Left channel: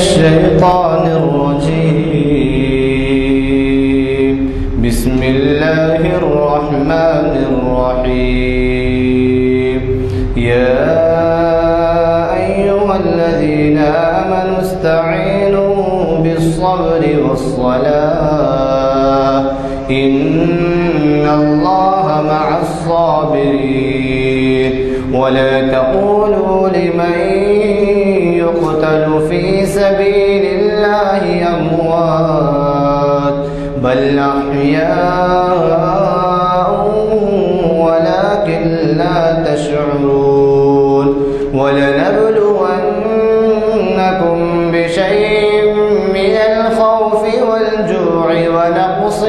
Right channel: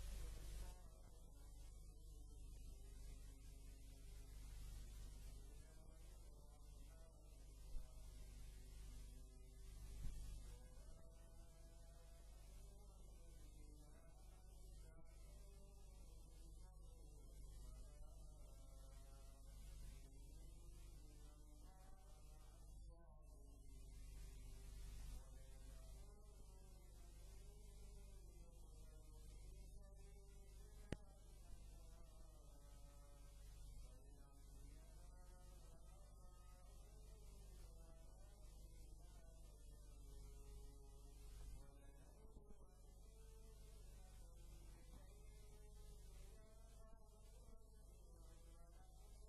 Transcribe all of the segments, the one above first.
الشيطان الرجيم. بسم الله الرحمن الرحيم. يا أيها الذين آمنوا استعينوا بالصبر والصلاة إن الله مع الصابرين. ولا تقولوا لمن يقتل في سبيل الله أموات بل أحياء ولكن لا تشعرون. ولنبلونكم بشيء من الخوف والجوع ونقص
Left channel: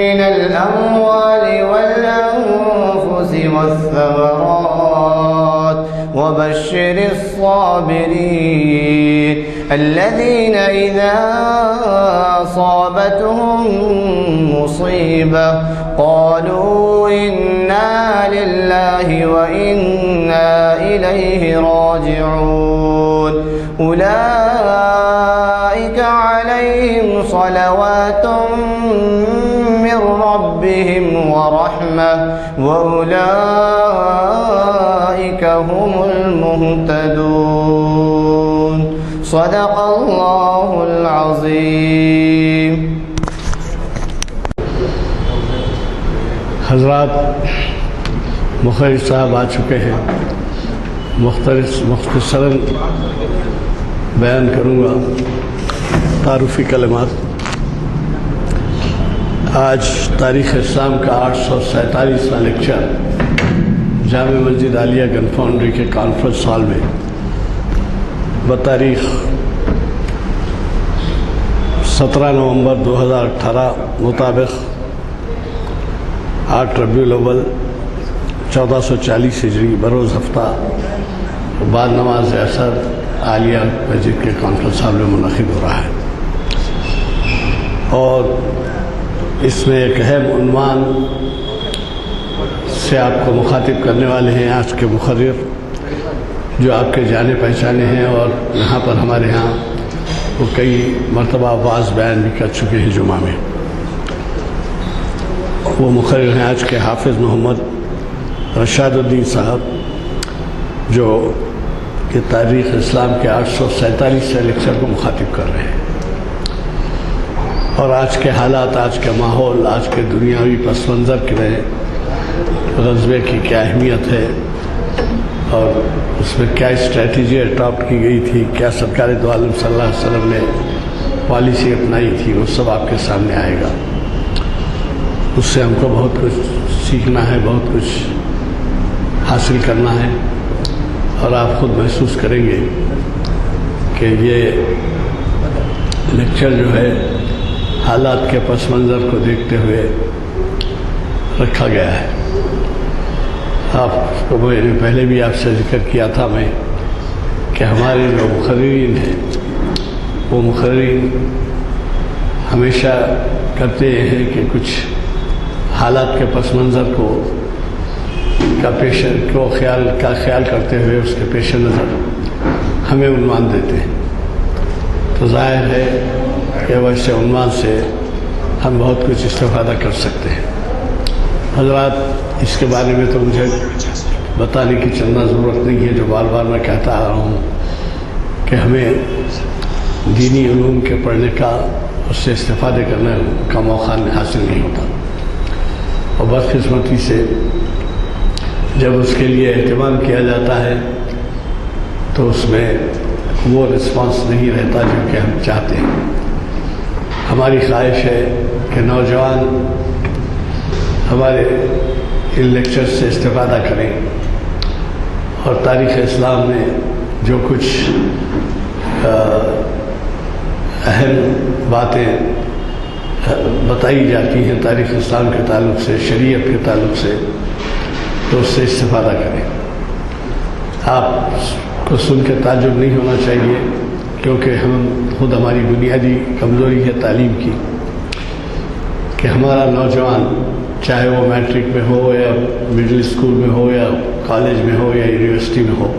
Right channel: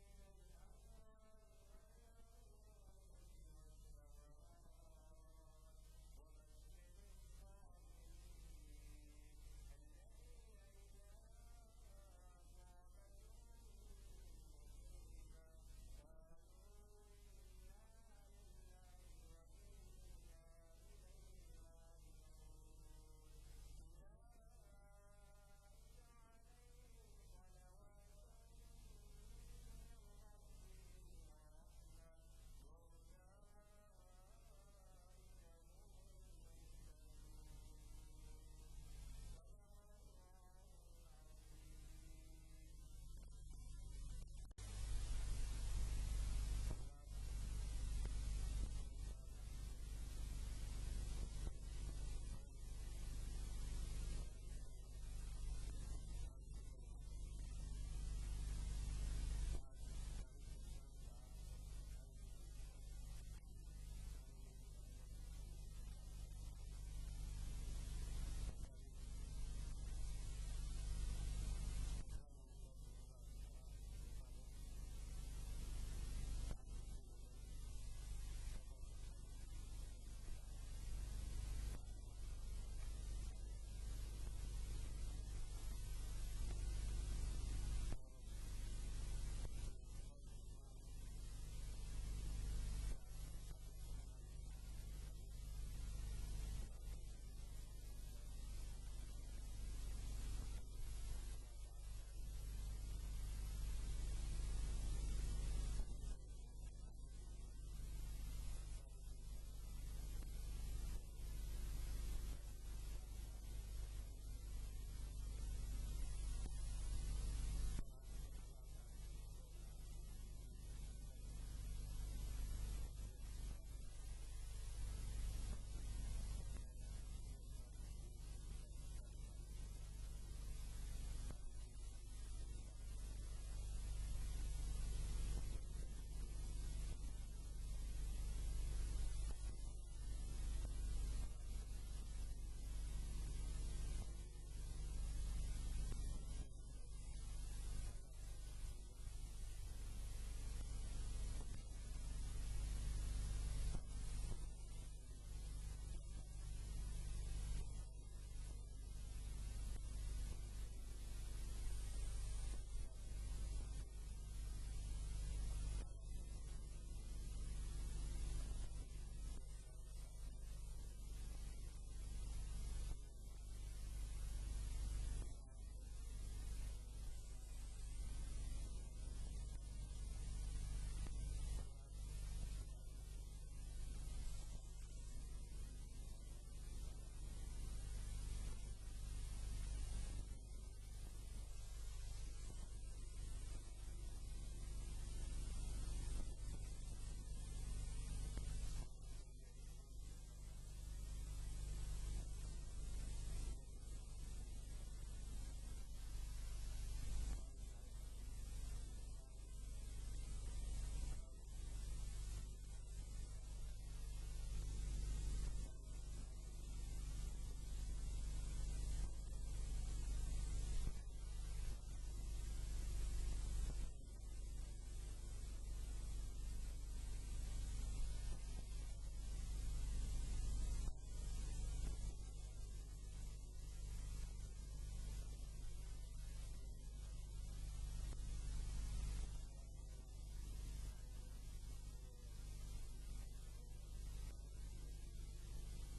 من الأموال والأنفس والثمرات وبشر الصابرين الذين إذا أصابتهم مصيبة قالوا إنا لله وإنا إليه راجعون. أولئك عليهم صلوات من ربهم ورحمة وأولئك هم المهتدون. صدق الله العظيم. حضرات، مخرج صاحب آ چکے ہیں. مختصراً بیان کروں گا تعارفی کلمات. آج تاریخ اسلام کا 847واں لیکچر جامع مسجد عالیہ گن فاؤنڈری کے کانفرنس ہال میں بتاریخ 17 نومبر 2018 مطابق 8 ربیع الاول 1440 ہجری بروز ہفتہ بعد نماز عصر عالیہ مسجد کے کانفرنس ہال میں منعقد ہو رہا ہے. اور اس میں ایک اہم عنوان سے آپ کو مخاطب کرنے والے ہیں آج کے مقرر، جو آپ کے جانے پہچانے ہیں اور یہاں پر ہمارے ہاں وہ کئی مرتبہ واعظ بیان بھی کر چکے ہیں جمعہ میں. وہ مقرر ہیں آج کے حافظ محمد رشاد الدین صاحب، جو کہ تاریخ اسلام کے 847 لیکچر کو مخاطب کر رہے ہیں. اور آج کے حالات، آج کے ماحول، آج کے دنیاوی پس منظر کے میں غزوے کی کیا اہمیت ہے اور اس میں کیا اسٹریٹجی اڈاپٹ کی گئی تھی، کیا سرکار دو عالم صلی اللہ علیہ وسلم نے پالیسی اپنائی تھی، وہ سب آپ کے سامنے آئے گا. اس سے ہم کو بہت کچھ سیکھنا ہے، بہت کچھ حاصل کرنا ہے. اور آپ خود محسوس کریں گے کہ یہ لیکچر جو ہے حالات کے پس منظر کو دیکھتے ہوئے رکھا گیا ہے. آپ کو میں نے پہلے بھی آپ سے ذکر کیا تھا میں کہ ہمارے جو مقررین ہیں وہ مقررین ہمیشہ کرتے ہیں کہ کچھ حالات کے پس منظر کا خیال کرتے ہوئے اس کے پیش نظر ہمیں عنوان دیتے ہیں. تو ظاہر ہے کہ ویسے عنوان سے ہم بہت کچھ استفادہ کر سکتے ہیں. حضرات، اس کے بارے میں تو مجھے بتانے کی چندہ ضرورت نہیں ہے، جو بار بار میں کہتا آ رہا ہوں کہ ہمیں دینی علوم کے پڑھنے کا، اس سے استفادے کرنے کا موقع حاصل نہیں ہوتا. اور بدقسمتی سے جب اس کے لیے اہتمام کیا جاتا ہے تو اس میں وہ رسپانس نہیں رہتا جو کہ ہم چاہتے ہیں. ہماری خواہش ہے کہ نوجوان ہمارے ان لیکچر سے استفادہ کریں اور تاریخ اسلام میں جو کچھ اہم باتیں بتائی جاتی ہیں تاریخ اسلام کے تعلق سے، شریعت کے تعلق سے، تو اس سے استفادہ کریں. آپ کو سن کے تعجب نہیں ہونا چاہیے، کیونکہ خود ہماری بنیادی کمزوری ہے تعلیم کی کہ ہمارا نوجوان چاہے وہ میٹرک میں ہو یا مڈل اسکول میں ہو یا کالج میں ہو یا یونیورسٹی میں ہو،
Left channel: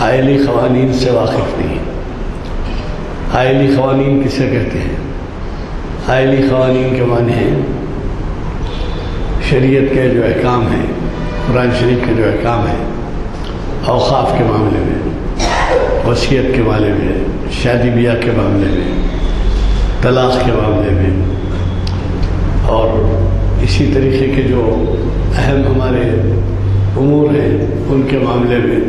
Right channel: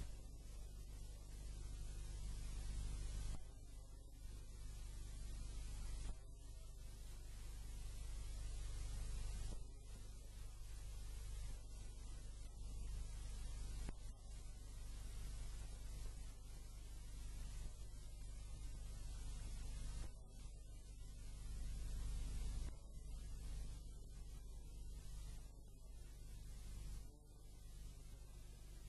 آئلی قوانین سے واقف نہیں ہے۔ آئلی قوانین کسے کہتے ہیں؟ آئلی قوانین کے معنی ہیں شریعت کے جو احکام ہیں، قرآن شریف کے جو احکام ہیں، اوقاف کے معاملے میں، وصیت کے معاملے میں، شادی بیاہ کے معاملے میں، طلاق کے معاملے میں، اور اسی طریقے کے جو اہم ہمارے امور ہیں ان کے معاملے میں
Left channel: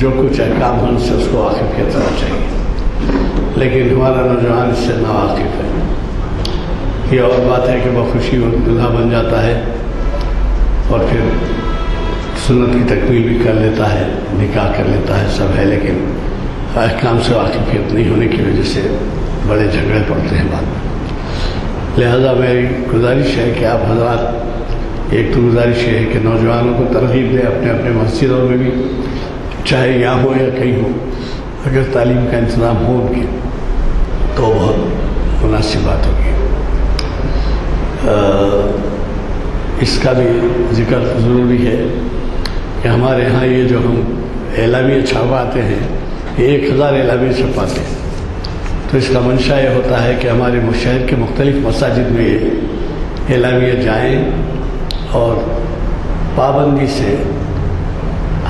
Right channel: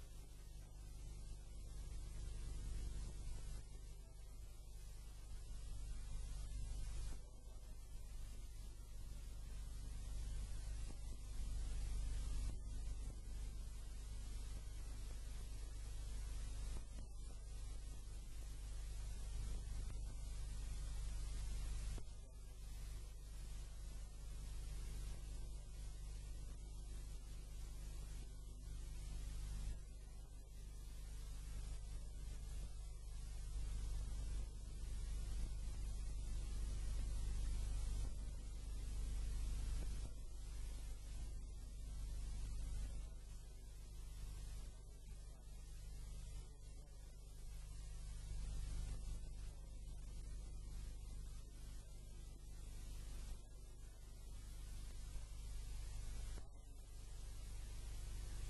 جو کچھ احکام ہیں ان سے اس کو واقفیت ہونا چاہیے، لیکن ہمارا نوجوان اس سے ناواقف ہے۔ یہ اور بات ہے کہ بخوشی وہ دلہا بن جاتا ہے اور پھر سنت کی تکمیل بھی کر لیتا ہے، نکاح کر لیتا ہے، سب ہے، لیکن احکام سے واقفیت نہیں ہونے کی وجہ سے بڑے جھگڑے پڑتے ہیں بعد میں۔ لہذا میری گزارش ہے کہ آپ حضرات، ایک تو گزارش یہ ہے کہ نوجوانوں کو ترغیب دیں اپنے اپنے مسجدوں میں بھی، چاہے یہاں ہو یا کہیں ہو، اگر تعلیم کا انتظام ہو ان کے تو بہت مناسب بات ہوگی۔ اس کا بھی ذکر ضروری ہے کہ ہمارے ہاں یہ جو ہم اعلامیہ چھپواتے ہیں، یہ 1000 اعلامیہ چھپواتے ہیں، تو اس کا منشا یہ ہوتا ہے کہ ہمارے شہر کے مختلف مساجد میں یہ اعلامیہ جائیں اور پابندی سے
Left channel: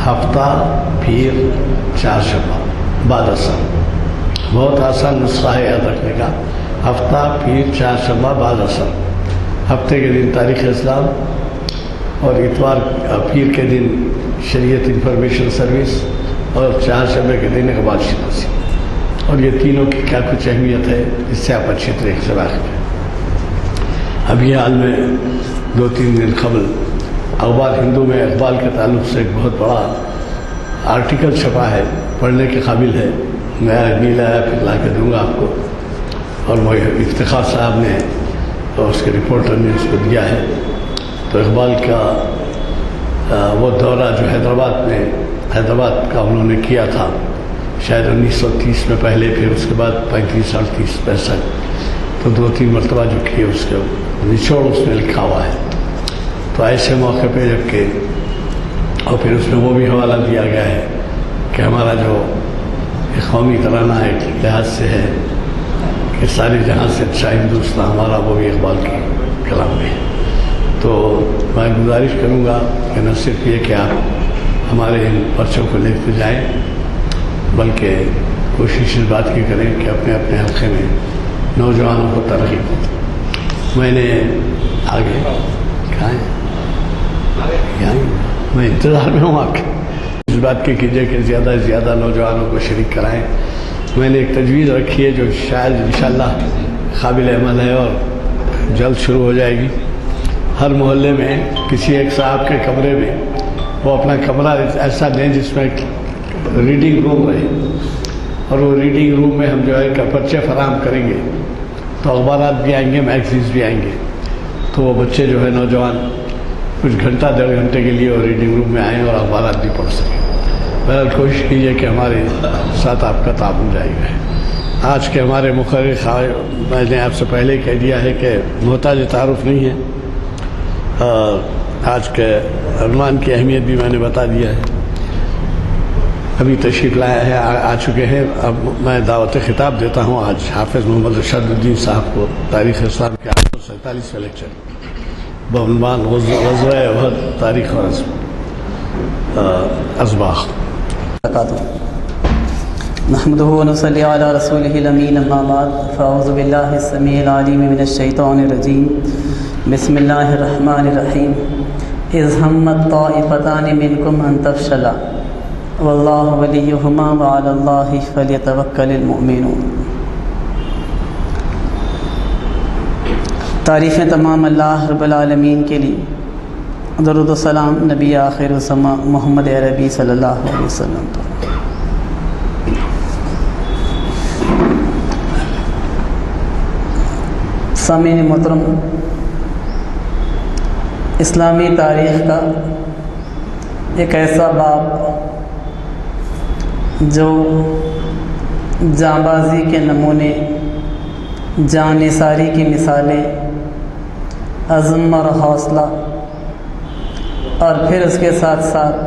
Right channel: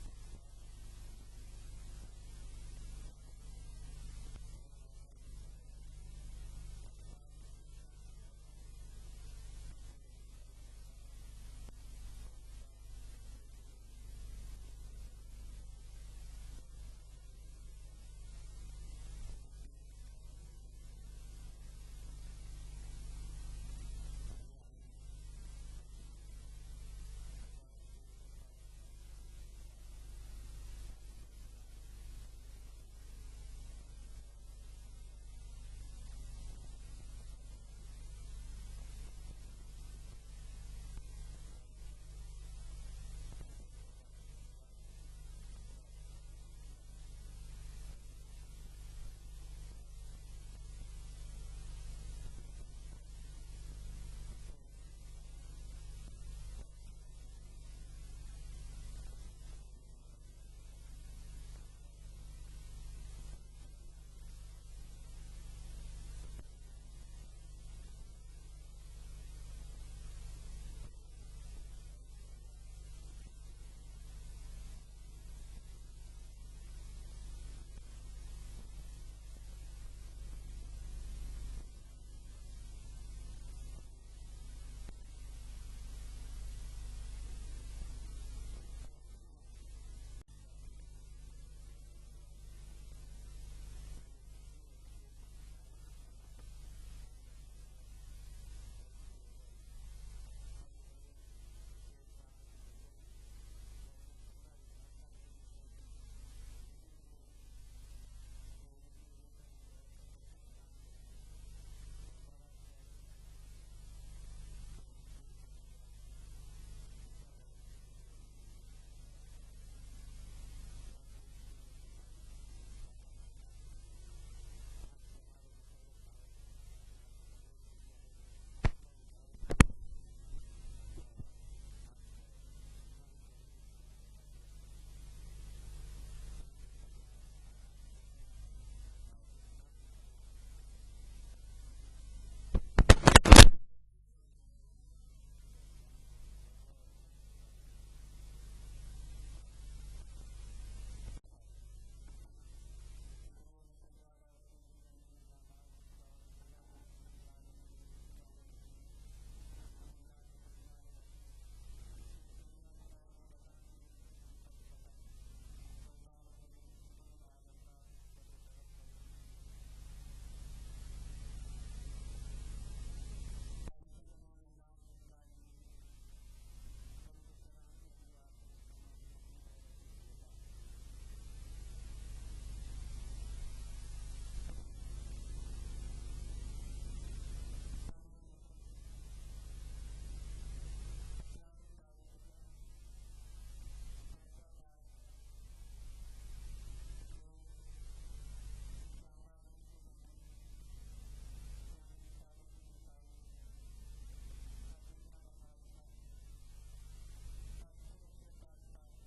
ہفتہ، پیر، چہارشنبہ، بعد اثر، بہت آسان نسخہ ہے یاد رکھنے کا، ہفتہ، پیر، چہارشنبہ، بعد اثر، ہفتے کے دن تاریخ اسلام اور اتوار پیر کے دن شریعت انفارمیشن سروس اور چہارشنبے کے دن اقبال شناسی، اور یہ تینوں کی کیا کچھ اہمیت ہے اس سے آپ اچھی طریقے سے واقف ہیں۔ ابھی حال میں 2-3 دن قبل اخبار ہندو میں اقبال کے تعلق سے ایک بہت بڑا آرٹیکل چھپا ہے، پڑھنے کے قابل ہے، میں نہیں لایا، پھر لا کے دوں گا آپ کو، اور وہ افتخار صاحب نے اور اس کے رپورٹر نے اس کو دیا ہے۔ تو اقبال کا وہ دورہ جو حیدرآباد کا انہوں نے کیا تھا شاید 1930 میں پہلے، پھر اس کے بعد 35، 38، 65، تو 2-3 مرتبہ جو کیے اس کے نچوڑ اس میں لکھا ہوا ہے۔ تو ایسے موقع پہ جب کہ اور پھر اس میں وہ بھی حوالہ دیا گیا ہے کہ ہمارا جو قومی ترانہ ایک لحاظ سے ہے کہ ساری جہاں سے اچھا ہندوستان ہمارا، وہ بھی اقبال کے کلام میں ہے۔ تو میں گزارش کروں گا کہ نہ صرف یہ کہ آپ ہمارے ان پرچوں کو لیتے جائیں، بلکہ کوشش اس بات کی کریں کہ اپنے اپنے حلقے میں نوجوانوں کو ترغیب دیں۔ میں نے آگے کہاں ہے، میں انتظار میں ہوں آپ کے، اس بات کی کیجیے کہ زیادہ سے زیادہ نوجوانوں کو شریک کرائیں۔ میں نے ایک تجویز رکھی ہے جو شاید انشاءاللہ قابل عمل ہے اور جلد شروع ہو جائے گی۔ ہر محلے میں کسی ایک صاحب کے کمرے میں وہ اپنا کمرہ ایسا دیں جس میں ریڈنگ روم رہے، اور وہ ریڈنگ روم میں ہم جو ہے پرچے فراہم کریں گے، تو اخبارات بھی آئیں گے، میگزینس بھی آئیں گے، تو وہ بچے جو ہے نوجوان کچھ گھنٹہ 1.5 گھنٹے کے لیے وہ ریڈنگ روم میں آئیں اور اخبارات بھی پڑھ سکیں۔ بہرحال کوشش کیجیے کہ ہمارے ساتھ آپ کا تعاون جاری رہے۔ آج کے ہمارے مقرر، میں نے آپ سے پہلے کہہ دیا ہے کہ محتاج تعارف نہیں ہے، آج کے عنوان کی اہمیت بھی میں نے بتا دیا ہے، ابھی تشریف لایا ہے، آ چکے ہیں۔ اب میں دعوت خطاب دیتا ہوں آج حافظ محمد ارشاد الدین صاحب کو، تاریخ اسلام کے 847 لیکچر بعنوان غزوہ احد، تاریخ اور اسباق۔ نحمده ونصلي على رسوله الأمين، أما بعد، فأعوذ بالله السميع العليم من الشيطان الرجيم، بسم الله الرحمن الرحيم، إذ همت طائفتان منكم أن تفشلا والله وليهما وعلى الله فليتوكل المؤمنون۔ تعریفیں تمام اللہ رب العالمین کے لیے، درود و سلام نبی آخر الزماں محمد عربی صلی اللہ علیہ وسلم پر۔ سامعین محترم، اسلامی تاریخ کا ایک ایسا باب جو جانبازی کے نمونے، جان نثاری کی مثالیں، عزم اور حوصلہ، اور پھر اس کے ساتھ ساتھ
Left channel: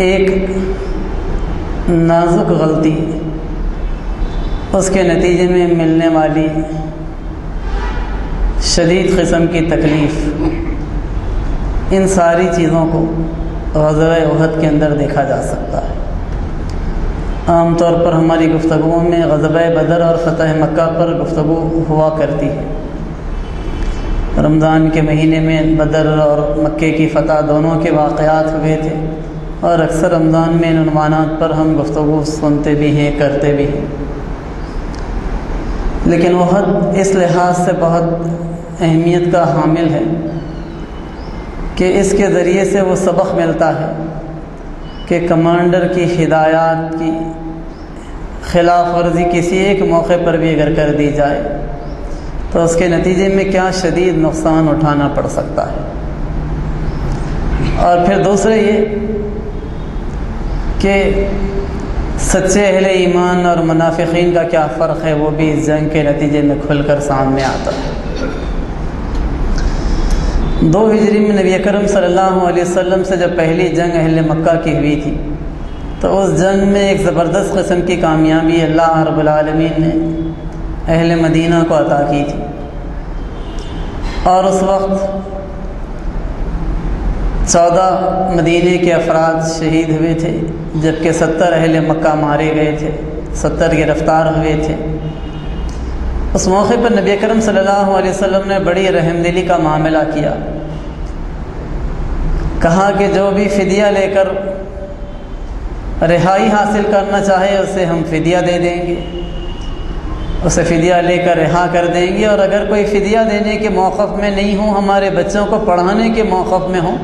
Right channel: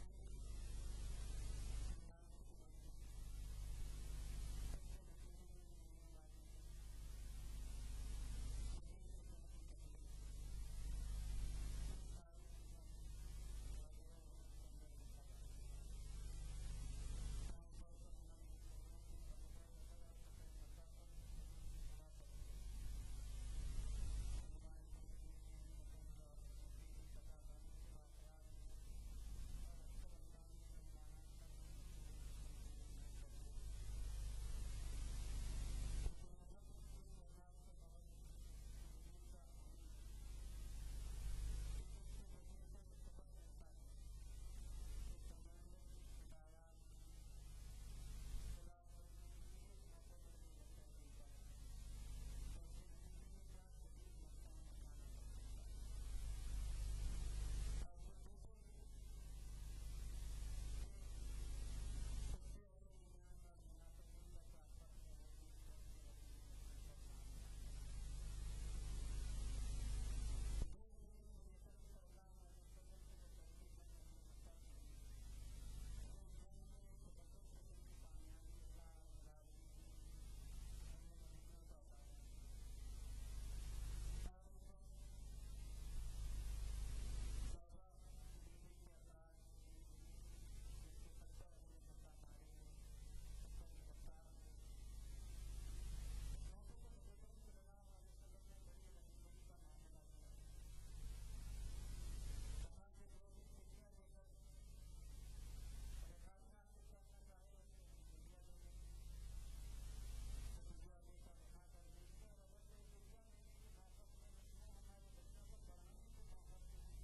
ایک نازک غلطی، اس کے نتیجے میں ملنے والی شدید قسم کی تکلیف، ان ساری چیزوں کو غزوہ احد کے اندر دیکھا جا سکتا ہے۔ عام طور پر ہماری گفتگوؤں میں غزوہ بدر اور فتح مکہ پر گفتگو ہوا کرتی ہے۔ رمضان کے مہینے میں بدر اور مکے کی فتح دونوں کے واقعات ہوئے تھے، اور اکثر رمضان میں ان عنوانات پر ہم گفتگو سنتے بھی ہیں، کرتے بھی ہیں۔ لیکن احد اس لحاظ سے بہت اہمیت کا حامل ہے کہ اس کے ذریعے سے وہ سبق ملتا ہے کہ کمانڈر کی ہدایات کی خلاف ورزی کسی ایک موقع پر بھی اگر کر دی جائے تو اس کے نتیجے میں کیا شدید نقصان اٹھانا پڑ سکتا ہے۔ اور پھر دوسرے یہ کہ سچے اہل ایمان اور منافقین کا کیا فرق ہے، وہ بھی اس جنگ کے نتیجے میں کھل کر سامنے آتا ہے۔ 2 ہجری میں نبی اکرم صلی اللہ علیہ وسلم سے جب پہلی جنگ اہل مکہ کی ہوئی تھی تو اس جنگ میں ایک زبردست قسم کی کامیابی اللہ رب العالمین نے اہل مدینہ کو عطا کی تھی، اور اس وقت 14 مدینے کے افراد شہید ہوئے تھے، جبکہ 70 اہل مکہ مارے گئے تھے، 70 گرفتار ہوئے تھے۔ اس موقع پر نبی اکرم صلی اللہ علیہ وسلم نے بڑی رحم دلی کا معاملہ کیا، کہا کہ جو بھی فدیہ لے کر رہائی حاصل کرنا چاہے اسے ہم فدیہ دے دیں گے، اسے فدیہ لے کر رہا کر دیں گے، اور اگر کوئی فدیہ دینے کے موقف میں نہیں ہوں، ہمارے بچوں کو پڑھانے کے موقف میں ہوں،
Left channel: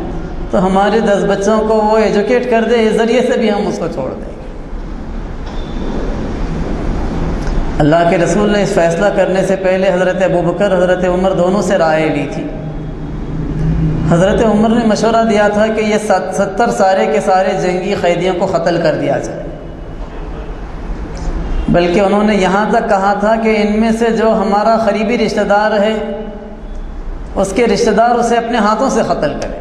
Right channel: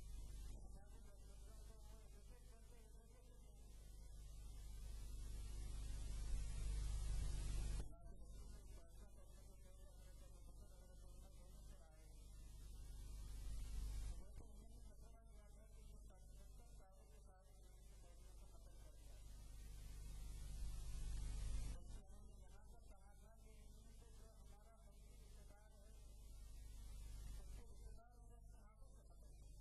تو ہمارے 10 بچوں کو وہ ایجوکیٹ کر دے، اس ذریعے سے بھی ہم اس کو چھوڑ دیں گے۔ اللہ کے رسول نے اس فیصلہ کرنے سے پہلے حضرت ابوبکر، حضرت عمر دونوں سے رائے لی تھی۔ حضرت عمر نے مشورہ دیا تھا کہ یہ 70 سارے کے سارے جنگی قیدیوں کو قتل کر دیا جائے، بلکہ انہوں نے یہاں تک کہا تھا کہ ان میں سے جو ہمارا قریبی رشتہ دار ہے اس کے رشتہ دار اسے اپنے ہاتھوں سے قتل کرے،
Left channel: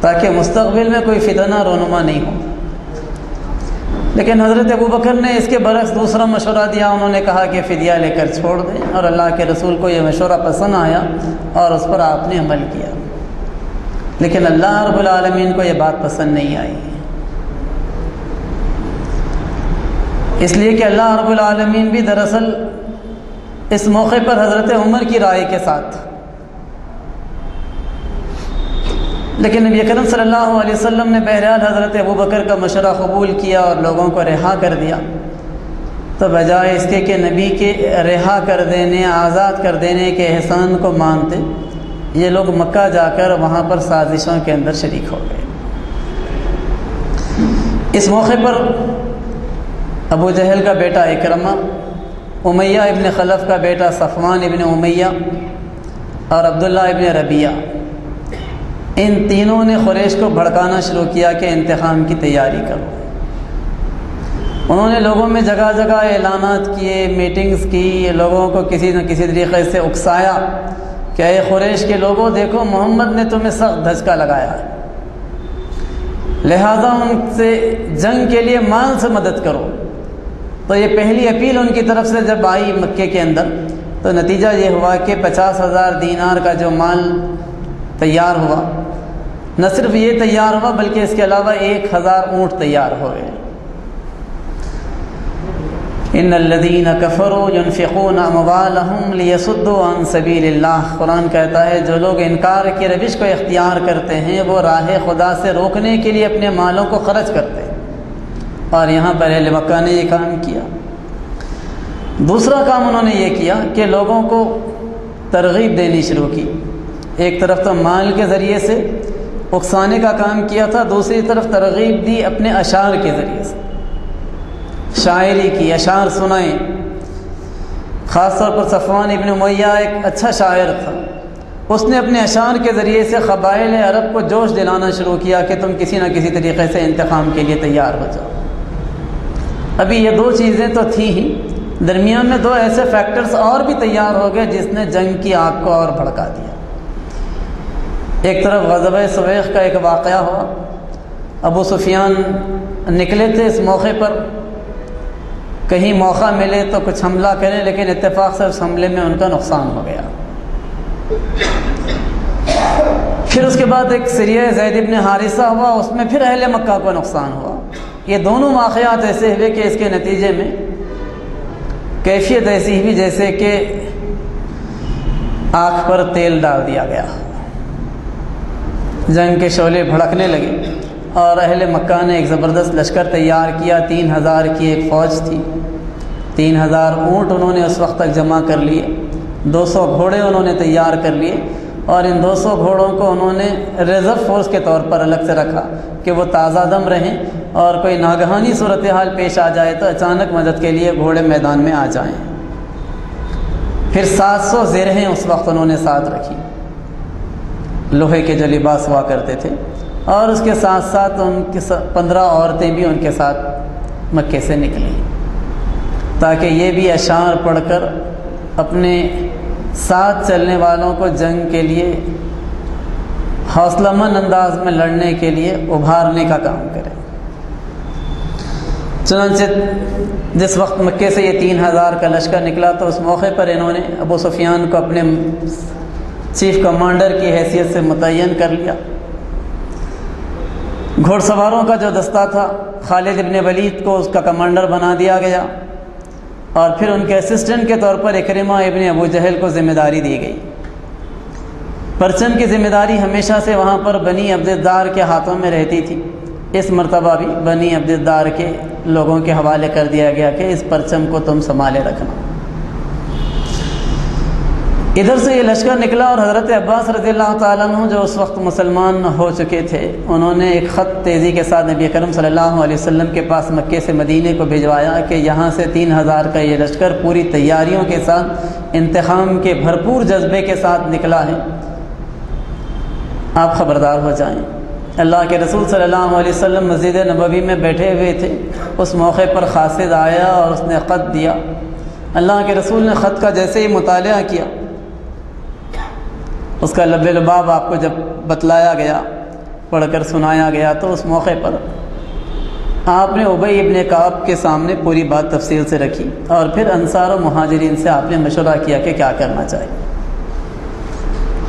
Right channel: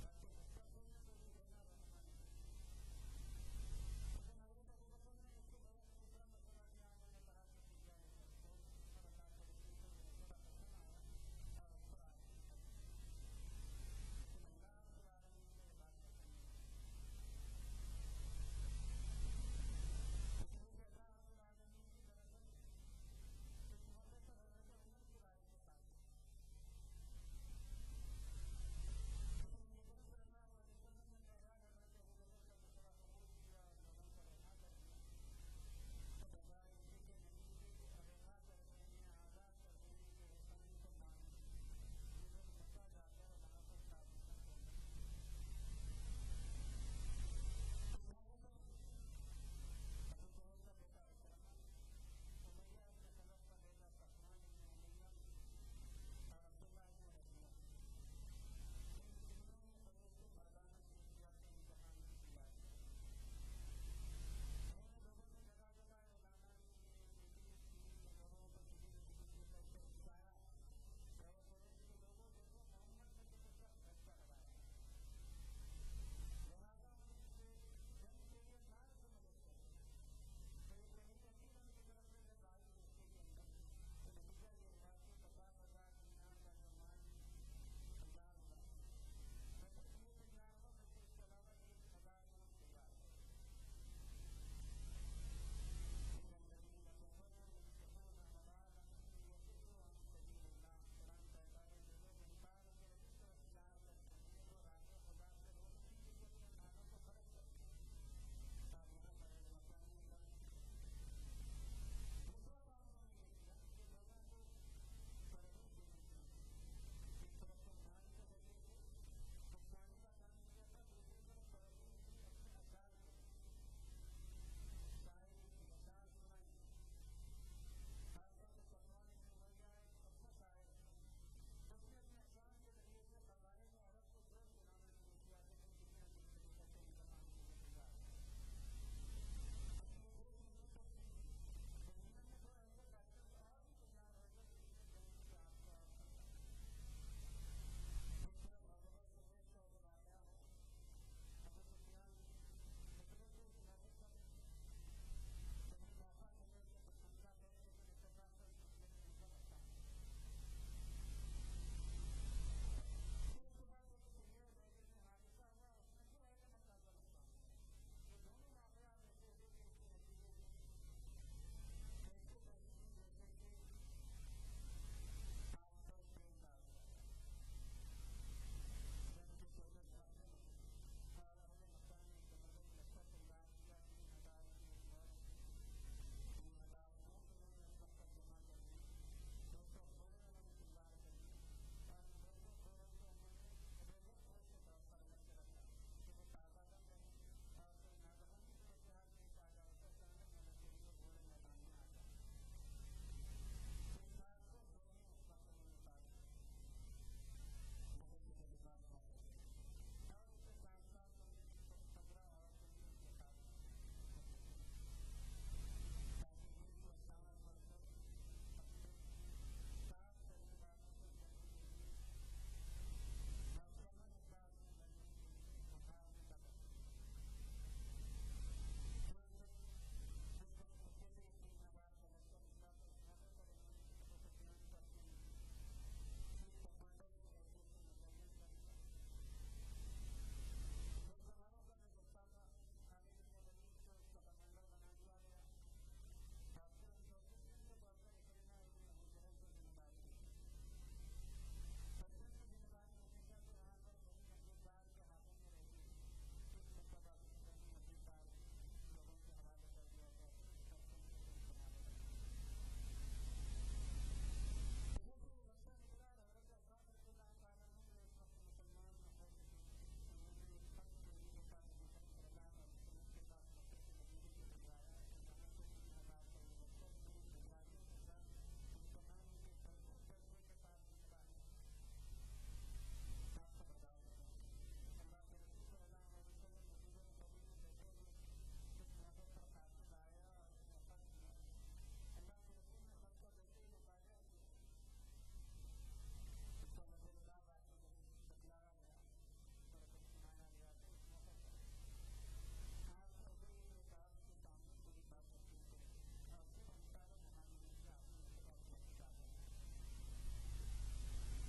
تاکہ مستقبل میں کوئی فتنہ رونما نہیں ہو۔ لیکن حضرت ابوبکر نے اس کے برعکس دوسرا مشورہ دیا، انہوں نے کہا کہ فدیہ لے کر چھوڑ دیں، اور اللہ کے رسول کو یہ مشورہ پسند آیا اور اس پر آپ نے عمل کیا۔ لیکن اللہ رب العالمین کو یہ بات پسند نہیں آئی، اس لیے کہ اللہ رب العالمین بھی دراصل اس موقع پر حضرت عمر کی رائے کے ساتھ، لیکن نبی اکرم صلی اللہ علیہ وسلم نے بہرحال حضرت ابوبکر کا مشورہ قبول کیا اور لوگوں کو رہا کر دیا۔ تو بجائے اس کے کہ نبی کے رہا کر دینے، آزاد کر دینے کے احسان کو مانتے، یہ لوگ مکہ جا کر وہاں پر سازشوں کے اندر شریک ہو گئے۔ اس موقع پر ابو جہل کا بیٹا اکرمہ، امیہ ابن خلف کا بیٹا صفوان ابن امیہ اور عبداللہ ابن ربیعہ، ان تینوں نے قریش کو بھڑکانا شروع کیا کہ انتقام کی تیاری کرو۔ انہوں نے لوگوں میں جگہ جگہ اعلانات کیے، میٹنگز کی، لوگوں کو کسی نہ کسی طریقے سے اکسایا کہ اے قریش کے لوگوں، دیکھو محمد نے تمہیں سخت دھچکا لگایا ہے، لہذا ان سے جنگ کے لیے مال سے مدد کرو۔ تو یہ پہلی اپیل ان کی طرف سے جب آئی مکے کے اندر، تو نتیجہ یہ ہوا کہ 50,000 دینار کا جو مال تیار ہوا، نہ صرف یہ تیار ہوا بلکہ اس کے علاوہ 1000 اونٹ تیار ہو گئے۔ ان الذین کفروا ينفقون اموالهم ليصدوا عن سبیل اللہ، قرآن کہتا ہے جو لوگ انکار کی روش کو اختیار کرتے ہیں وہ راہ خدا سے روکنے کے لیے اپنے مالوں کو خرچ کرتے ہیں، اور یہاں پر اہل مکہ نے یہ کام کیا۔ دوسرا کام انہوں نے یہ کیا کہ لوگوں کو ترغیب دینی شروع کی۔ ایک طرف تو مال کے ذریعے سے اکسانے کا کام کیا تھا، دوسری طرف ترغیب دی اپنے اشعار کے ذریعے سے، شاعری کی، اشعار سنائیں۔ خاص طور پر صفوان ابن امیہ ایک اچھا شاعر تھا، اس نے اپنے اشعار کے ذریعے سے قبائل عرب کو جوش دلانا شروع کیا کہ تم کسی نہ کسی طریقے سے انتقام کے لیے تیار ہو جاؤ۔ ابھی یہ 2 چیزیں تو تھیں ہی، درمیان میں دو ایسے فیکٹرز اور بھی تیار ہو گئے جس نے جنگ کی آگ کو اور بھڑکا دیا۔ ایک طرف غزوہ سویق کا ایک واقعہ ہوا، ابو سفیان نکلے تھے اس موقع پر، کہیں موقع ملے تو کچھ حملہ کریں، لیکن اتفاق سے اس حملے میں ان کا نقصان ہو گیا۔ پھر اس کے بعد ایک سریہ زید بن حارثہ ہوا، اس میں پھر اہل مکہ کو نقصان ہوا۔ یہ دونوں واقعات ایسے ہوئے کہ اس کے نتیجے میں کیفیت ایسی ہوئی جیسے کہ آنکھ پر تیل ڈال دیا گیا، جنگ کے شعلے بھڑکنے لگے، اور اہل مکہ نے ایک زبردست لشکر تیار کیا۔ 3000 کی ایک فوج تھی، 3000 اونٹ انہوں نے اس وقت تک جمع کر لیے، 200 گھوڑے انہوں نے تیار کر لیے، اور ان 200 گھوڑوں کو انہوں نے ریزرو فورس کے طور پر الگ سے رکھا کہ وہ تازہ دم رہیں، اور کوئی ناگہانی صورتحال پیش آ جائے تو اچانک مدد کے لیے گھوڑے میدان میں آ جائیں۔ پھر 700 زرہیں اس وقت انہوں نے ساتھ رکھی، لوہے کے جو لباس ہوا کرتے تھے، اور اس کے ساتھ ساتھ ان کے 15 عورتیں بھی ان کے ساتھ مکے سے نکلیں، تاکہ یہ بھی اشعار پڑھ کر اپنے ساتھ چلنے والوں کو جنگ کے لیے حوصلہ مند انداز میں لڑنے کے لیے ابھارنے کا کام کریں۔ چنانچہ جس وقت مکے سے یہ 3000 کا لشکر نکلا تو اس موقع پر انہوں نے ابو سفیان کو اپنے چیف کمانڈر کی حیثیت سے متعین کر لیا۔ گھوڑ سواروں کا جو دستہ تھا خالد ابن ولید کو اس کا کمانڈر بنا دیا گیا، اور پھر ان کے اسسٹنٹ کے طور پر اکرمہ ابن ابو جہل کو ذمہ داری دی گئی۔ پرچم کی ذمہ داری ہمیشہ سے وہاں پر بنی عبد الدار کے ہاتھوں میں رہتی تھی، اس مرتبہ بھی بنی عبد الدار کے لوگوں کے حوالے کر دیا گیا کہ اس پرچم کو تم سنبھالے رکھنا۔ ادھر سے یہ لشکر نکلا، اور حضرت عباس رضی اللہ تعالیٰ عنہ جو اس وقت مسلمان ہو چکے تھے، انہوں نے ایک خط تیزی کے ساتھ نبی اکرم صلی اللہ علیہ وسلم کے پاس مکے سے مدینے کو بھجوایا کہ یہاں سے 3000 کا یہ لشکر پوری تیاریوں کے ساتھ، انتقام کے بھرپور جذبے کے ساتھ نکلا ہے، آپ خبردار ہو جائیں۔ اللہ کے رسول صلی اللہ علیہ وسلم مسجد نبوی میں بیٹھے ہوئے تھے، اس موقع پر قاصد آیا اور اس نے خط دیا۔ اللہ کے رسول نے خط کا جیسے ہی مطالعہ کیا، اس کا لب لباب آپ کو جب بتلایا گیا، پڑھ کر سنایا گیا، تو اس موقع پر آپ نے ابی ابن کعب کے سامنے پوری بات تفصیل سے رکھی، اور پھر انصار و مہاجرین سے آپ نے مشورہ کیا کہ کیا کرنا چاہیے۔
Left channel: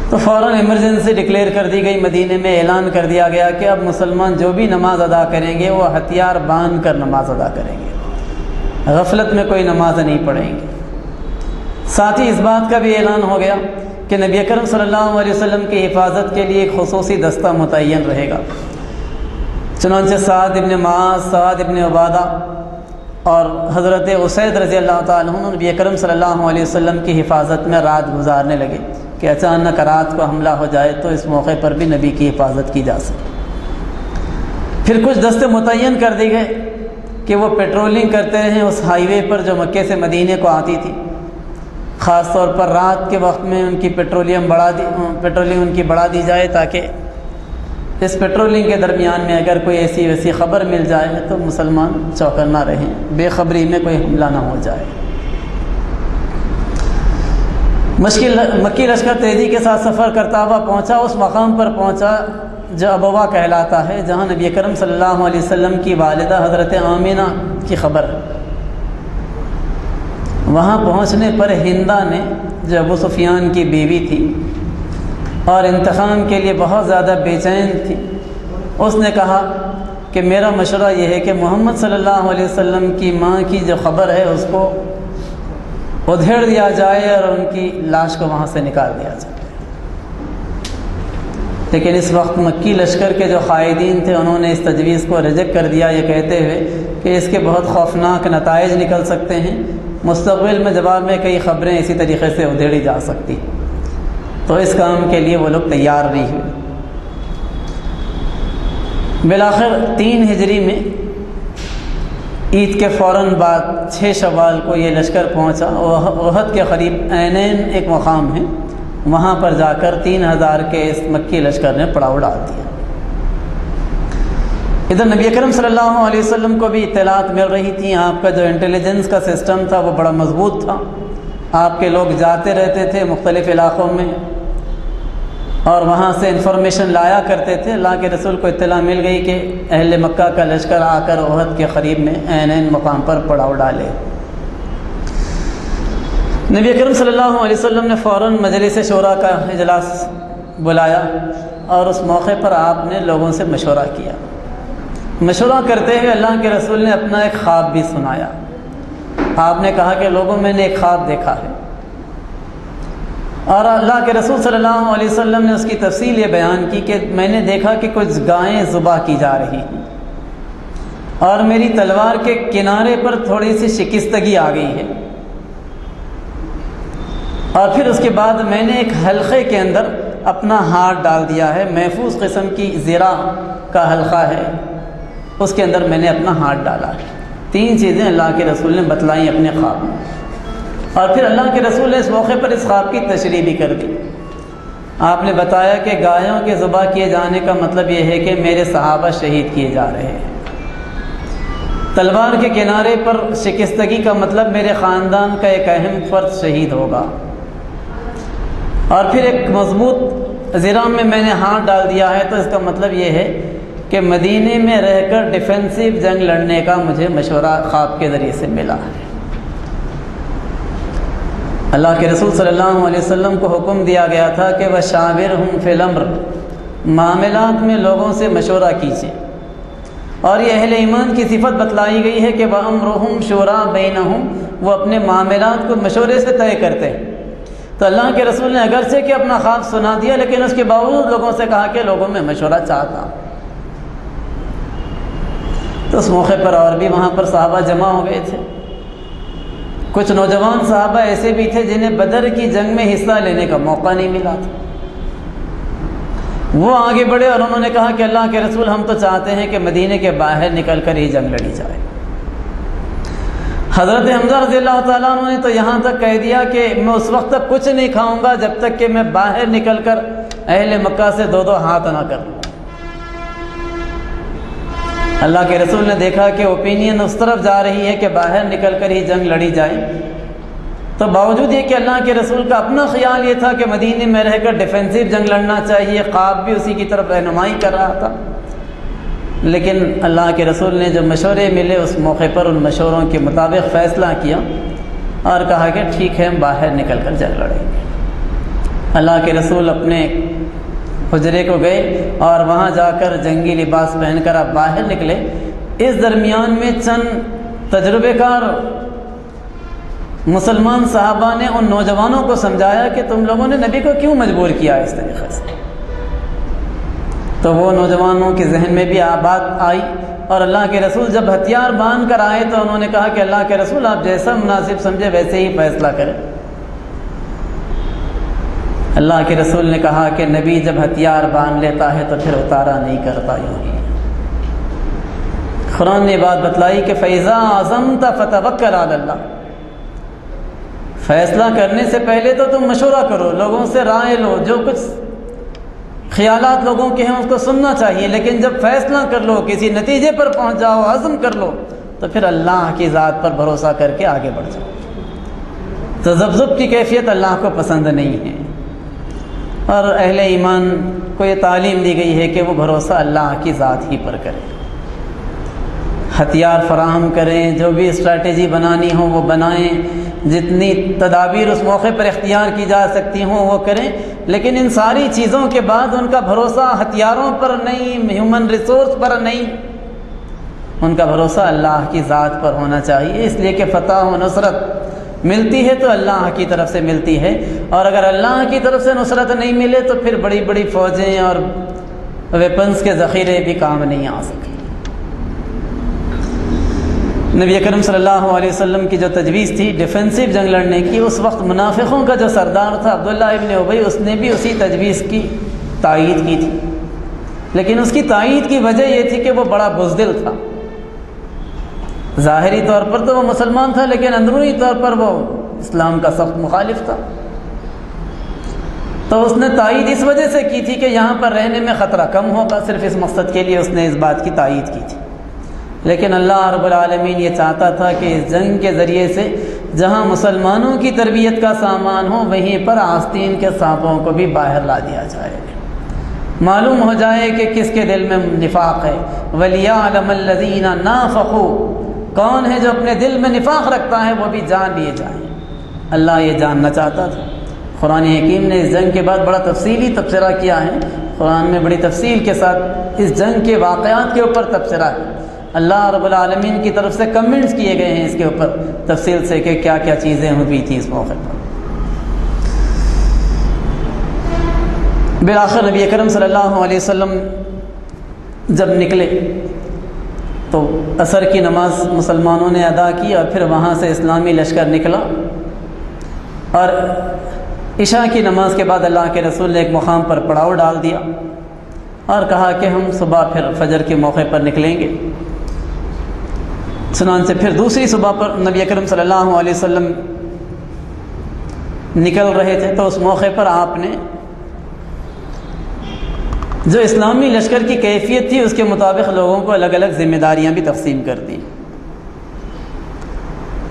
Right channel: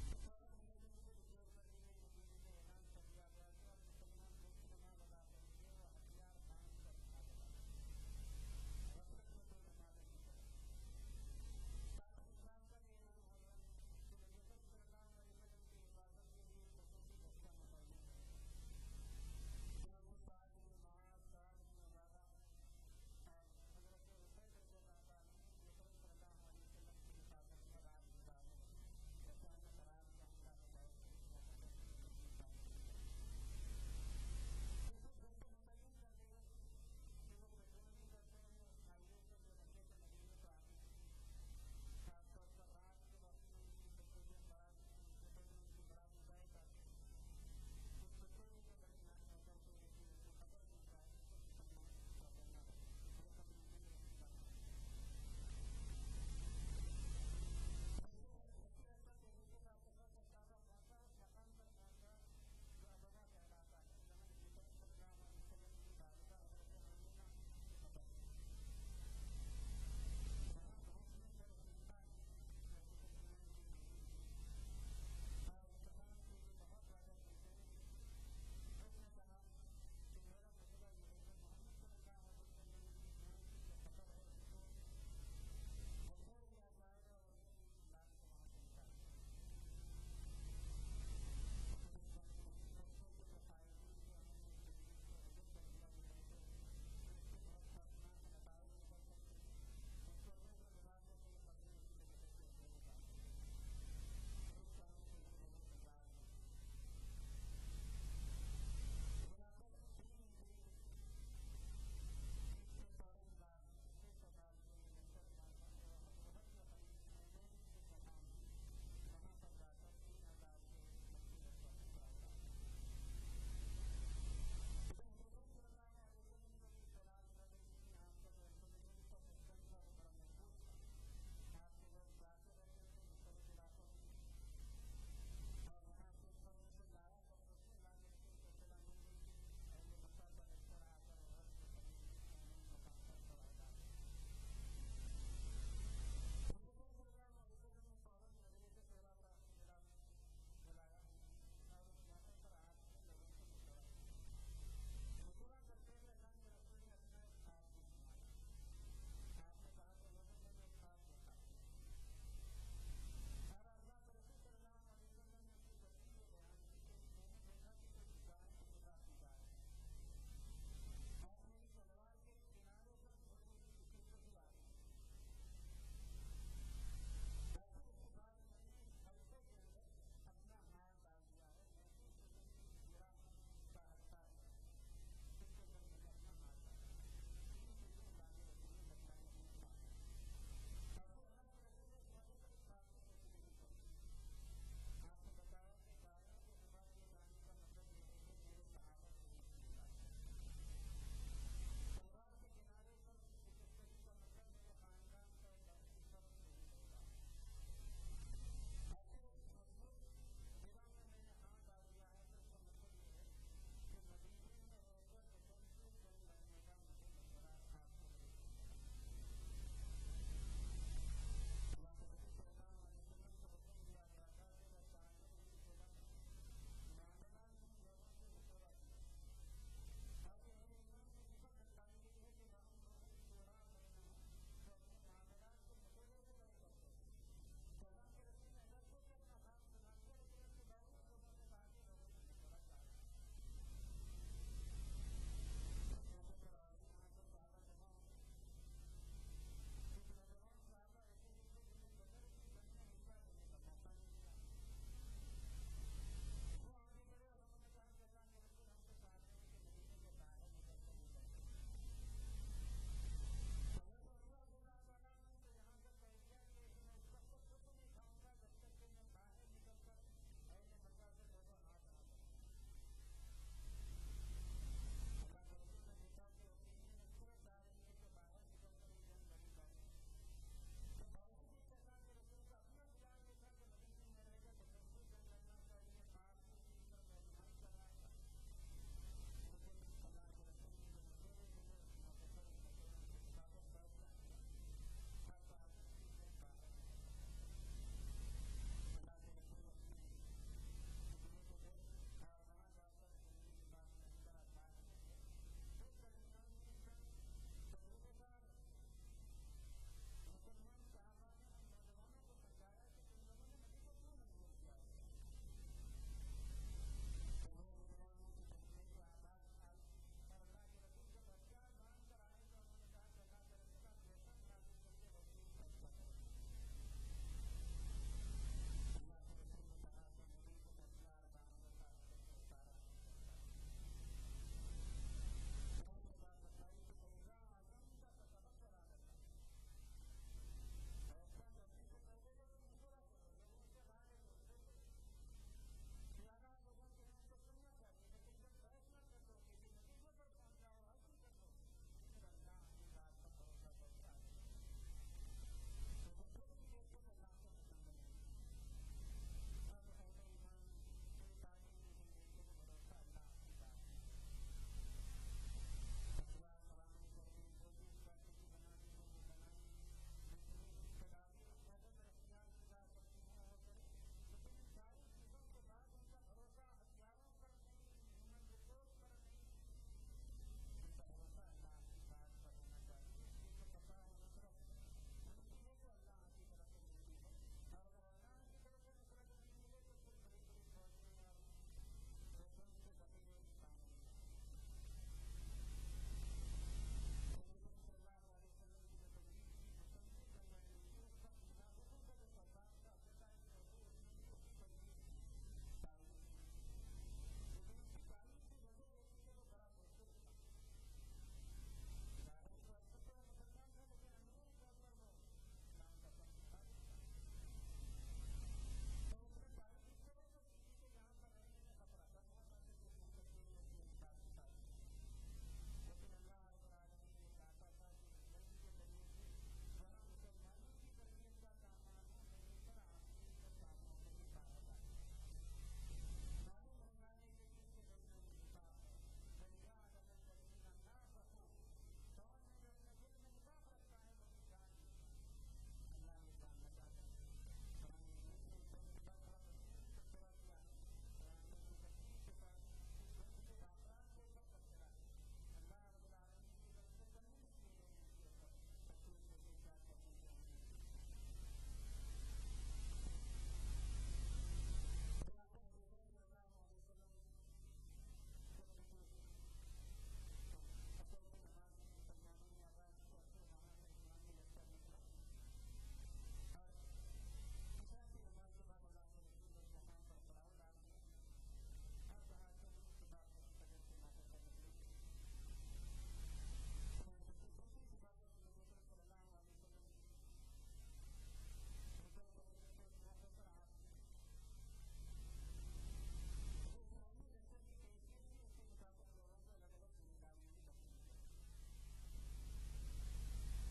تو فوراً ایمرجنسی ڈکلیئر کر دی گئی، مدینے میں اعلان کر دیا گیا کہ اب مسلمان جو بھی نماز ادا کریں گے وہ ہتھیار باندھ کر نماز ادا کریں گے، غفلت میں کوئی نماز نہیں پڑھیں گے۔ ساتھ ہی اس بات کا بھی اعلان ہو گیا کہ نبی اکرم صلی اللہ علیہ وسلم کی حفاظت کے لیے ایک خصوصی دستہ متعین رہے گا۔ چنانچہ سعد ابن معاذ، سعد ابن عبادہ اور حضرت اسید رضی اللہ تعالیٰ عنہ نبی اکرم صلی اللہ علیہ وسلم کی حفاظت میں رات گزارنے لگے کہ اچانک رات کو حملہ ہو جائے تو اس موقع پر بھی نبی کی حفاظت کی جا سکے۔ پھر کچھ دستے متعین کر دی گئے کہ وہ پیٹرولنگ کرتے رہیں اس ہائی وے پر جو مکے سے مدینے کو آتی تھی، خاص طور پر رات کے وقت میں ان کی پیٹرولنگ ان کی بڑھا دی جائے، تاکہ اس پیٹرولنگ کے درمیان میں اگر کوئی ایسی ویسی خبر مل جائے تو مسلمان چوکنا رہیں، بے خبری میں کوئی حملہ نہ ہو جائے۔ مکی لشکر تیزی کے ساتھ سفر کرتا ہوا پہنچا، اس مقام پر پہنچا جو ابوا کہلاتا ہے، جہاں نبی کرم صلی اللہ علیہ وسلم کی والدہ حضرت آمینہ کی خبر ہے۔ وہاں پہنچنے پر ہندا نے، جو ابو سفیان کی بیوی تھی اور انتقام کے لیے بہت زیادہ بے چین تھی، اس نے کہا کہ میرا مشورہ یہ ہے کہ محمد صلی اللہ علیہ وسلم کی ماں کی جو خبر ہے اس کو ادھیڑ دیا جائے اور ان کی لاش کو وہاں سے نکال دیا جائے۔ لیکن اس وقت مکی لشکر کے جو قائدین تھے انہوں نے اس تجویز کو ریجیکٹ کر دیا، یہ کہتے ہوئے کہ اس کے بہت خوفناک نتائج نکل سکتے ہیں، مستقبل میں جواب میں کئی خبریں اسی طریقے سے ادھیڑی جا سکتی، تو اس کام کے لیے وہ لوگ تیار نہیں ہوئے۔ بالآخر 3 ہجری میں عید کے فوراً بعد 6 شوال کو یہ لشکر پہنچا، احد کے قریب عینین ایک مقام ہے، وہاں پر جا کر 3000 کے اس مکی لشکر نے پڑاؤ ڈال دیا۔ ادھر نبی اکرم صلی اللہ علیہ وسلم کو بھی اطلاعات مل رہی تھیں. آپ کا جو انٹیلیجنس کا سسٹم تھا وہ بڑا مضبوط تھا. آپ کے لوگ جاتے رہتے تھے مختلف علاقوں میں اور وہاں سے انفارمیشن لایا کرتے تھے. اللہ کے رسول کو اطلاع مل گئی کہ اہل مکہ کا لشکر آ کر احد کے قریب میں عین مقام پر پڑاؤ ڈالے. نبی اکرم صلی اللہ علیہ وسلم نے فوراً مجلس شورا کا اجلاس بلایا اور اس موقع پر آپ نے لوگوں سے مشورہ کیا. مشورہ کرتے ہوئے اللہ کے رسول نے اپنا ایک خواب بھی سنایا. آپ نے کہا کہ لوگوں میں نے ایک خواب دیکھا ہے، اور اللہ کے رسول صلی اللہ علیہ وسلم نے اس کی تفصیل یہ بیان کی کہ میں نے دیکھا کہ کچھ گائیں ذبح کی جا رہی ہیں اور میری تلوار کے کنارے پر تھوڑی سی شکستگی آ گئی ہے، اور پھر اس کے بعد میں نے ایک حلقے کے اندر اپنا ہاتھ ڈال دیا ہے. محفوظ قسم کی زرہ کا حلقہ ہے، اس کے اندر میں نے اپنا ہاتھ ڈالا ہے. 3 چیزیں اللہ کے رسول نے بتلائیں اپنے خواب میں، اور پھر اللہ کے رسول نے اس موقع پر اس خواب کی تشریح بھی کر دی. آپ نے بتایا کہ گایوں کے ذبح کیے جانے کا مطلب یہ ہے کہ میرے صحابہ شہید کیے جا رہے ہیں. تلوار کے کنارے پر شکستگی کا مطلب میرے خاندان کا ایک اہم فرد شہید ہوگا. اور پھر ایک مضبوط زرہ میں نے ہاتھ ڈال دیا ہے، تو اس کا مطلب یہ ہے کہ مدینے میں رہ کر ڈیفینسو جنگ لڑنے کا مجھے مشورہ خواب کے ذریعے سے ملا ہے. اللہ کے رسول صلی اللہ علیہ وسلم کو حکم دیا گیا تھا کہ وَشَاوِرْهُمْ فِي الْأَمْرِ، معاملات میں لوگوں سے مشورہ کیجیے. اور یہ اہل ایمان کی صفت بتلائی گئی ہے کہ وَأَمْرُهُمْ شُورَىٰ بَيْنَهُمْ، وہ اپنے معاملات کو مشورے سے طے کرتے ہیں. تو اللہ کے رسول نے اگرچہ کہ اپنا خواب سنا دیا، لیکن اس کے باوجود لوگوں سے کہا کہ لوگوں میں مشورہ چاہتا. تو اس موقع پر اور بھی وہاں پر صحابہ جمع ہو گئے تھے. کچھ نوجوان صحابہ ایسے بھی تھے جنہیں بدر کی جنگ میں حصہ لینے کا موقع نہیں ملا تھا. وہ آگے بڑھے اور انہوں نے کہا کہ اللہ کے رسول، ہم تو چاہتے ہیں کہ مدینے کے باہر نکل کر ہی جنگ لڑی جائے. حضرت حمزہ رضی اللہ تعالیٰ عنہ نے تو یہاں تک کہہ دیا کہ میں اس وقت تک کچھ نہیں کھاؤں گا جب تک کہ میں باہر نکل کر اہل مکہ سے 2 ہاتھ نہ کر لوں. اللہ کے رسول نے دیکھا کہ اوپینین اس طرف جا رہی ہے کہ باہر نکل کر ہی جنگ لڑی جائے، تو باوجود یہ کہ اللہ کے رسول کا اپنا خیال یہ تھا کہ مدینے میں رہ کر ڈیفینسو جنگ لڑنا چاہیے، خواب بھی اسی کی طرف رہنمائی کر رہا تھا، لیکن اللہ کے رسول نے جو مشورے ملے اس موقع پر ان مشوروں کے مطابق فیصلہ کیا اور کہا کہ ٹھیک ہے، باہر نکل کر جنگ لڑیں گے. اللہ کے رسول اپنے حجرے کو گئے اور وہاں جا کر جنگی لباس پہن کر آپ باہر نکلے. اس درمیان میں چند تجربے کار مسلمان صحابہ نے ان نوجوانوں کو سمجھایا کہ تم لوگوں نے نبی کو کیوں مجبور کیا اس طریقے سے. تو وہ نوجوانوں کے ذہن میں بھی بات آئی، اور اللہ کے رسول جب ہتھیار باندھ کر آئے تو انہوں نے کہا کہ اللہ کے رسول، آپ جیسا مناسب سمجھے ویسے ہی فیصلہ کریں. اللہ کے رسول نے کہا کہ نبی جب ہتھیار باندھ لیتا ہے تو پھر اتارا نہیں کرتا. یوں ہی قرآن نے بات بتلائی کہ فَإِذَا عَزَمْتَ فَتَوَكَّلْ عَلَى اللَّهِ، فیصلہ کرنے سے پہلے تو تم مشورہ کرو، لوگوں سے رائے لو، جو کچھ خیالات لوگوں کے ہیں اس کو سننا چاہیے، لیکن جب فیصلہ کر لو، کسی نتیجے پر پہنچ جاؤ، عزم کر لو، تو پھر اللہ کی ذات پر بھروسہ کر کے آگے بڑھ جاؤ. تذبذب کی کیفیت اللہ کو پسند نہیں ہے، اور اہل ایمان کو یہ تعلیم دی گئی ہے کہ وہ بھروسہ اللہ کی ذات ہی پر کریں. ہتھیار فراہم کریں، جو بھی اسٹریٹجی بنانی ہو وہ بنائیں، جتنی تدابیر اس موقع پر اختیار کی جا سکتی ہوں وہ کریں، لیکن ان ساری چیزوں کے بعد ان کا بھروسہ ہتھیاروں پر نہیں، ہیومن ریسورس پر نہیں، ان کا بھروسہ اللہ کی ذات پر ہونا چاہیے. اس لیے کہ فتح و نصرت ملتی ہے تو اللہ کی طرف سے ملتی ہے، اور اگر اللہ کی طرف سے نصرت نہیں ملے تو پھر بڑی بڑی فوجیں اور ویپنز کے ذخیرے بھی کام نہیں آ سکے. نبی اکرم صلی اللہ علیہ وسلم کی جو تجویز تھی ڈیفینسو جنگ لڑنے کی، اس وقت منافقوں کا جو سردار تھا عبداللہ ابن ابی، اس نے بھی اسی تجویز کی تائید کی تھی، لیکن اس کی تائید کی وجہ یہ تھی کہ وہ بڑا بزدل تھا. ظاہری طور پر تو وہ مسلمان تھا، لیکن اندرونی طور پر وہ اسلام کا سخت مخالف تھا. تو اس نے تائید اس وجہ سے کی تھی کہ یہاں پر رہنے میں خطرہ کم ہوگا، صرف اس مقصد کے لیے اس نے اس بات کی تائید کی تھی۔ لیکن اللہ رب العالمین یہ چاہتا تھا کہ اس جنگ کے ذریعے سے جہاں مسلمانوں کی تربیت کا سامان ہو وہیں پر آستین کے سانپوں کو بھی باہر لا دیا جائے، معلوم ہو جائے کہ کس کے دل میں نفاق ہے۔ وَلِيَعْلَمَ الَّذِينَ نَافَقُوا، کون ہے جو اپنے دل میں نفاق رکھتا ہے وہ بھی جان لیے جائیں۔ اللہ یہ جاننا چاہتا تھا۔ قرآن حکیم نے اس جنگ کے بعد بڑا تفصیلی تبصرہ کیا ہے، قرآن میں بڑی تفصیل کے ساتھ اس جنگ کے واقعات کے اوپر تبصرہ ہے۔ اللہ رب العالمین کی طرف سے کمنٹس کیے گئے ہیں اس کے اوپر تفصیل سے کہ کیا کیا چیزیں ہوئی تھیں اس موقع پر۔ بالآخر نبی اکرم صلی اللہ علیہ وسلم جب نکلے تو عصر کی نماز مسلمانوں نے ادا کی اور پھر وہاں سے اسلامی لشکر نکلا، اور عشاء کی نماز کے بعد اللہ کے رسول نے ایک مقام پر پڑاؤ ڈال دیا اور کہا کہ ہم صبح پھر فجر کے موقع پر نکلیں گے۔ چنانچہ پھر دوسری صبح پر نبی اکرم صلی اللہ علیہ وسلم نکل رہے تھے تو اس موقع پر آپ نے جو اسلامی لشکر کی کیفیت تھی اس کے مطابق لوگوں کو الگ الگ ذمہ داریاں بھی تقسیم کر دی۔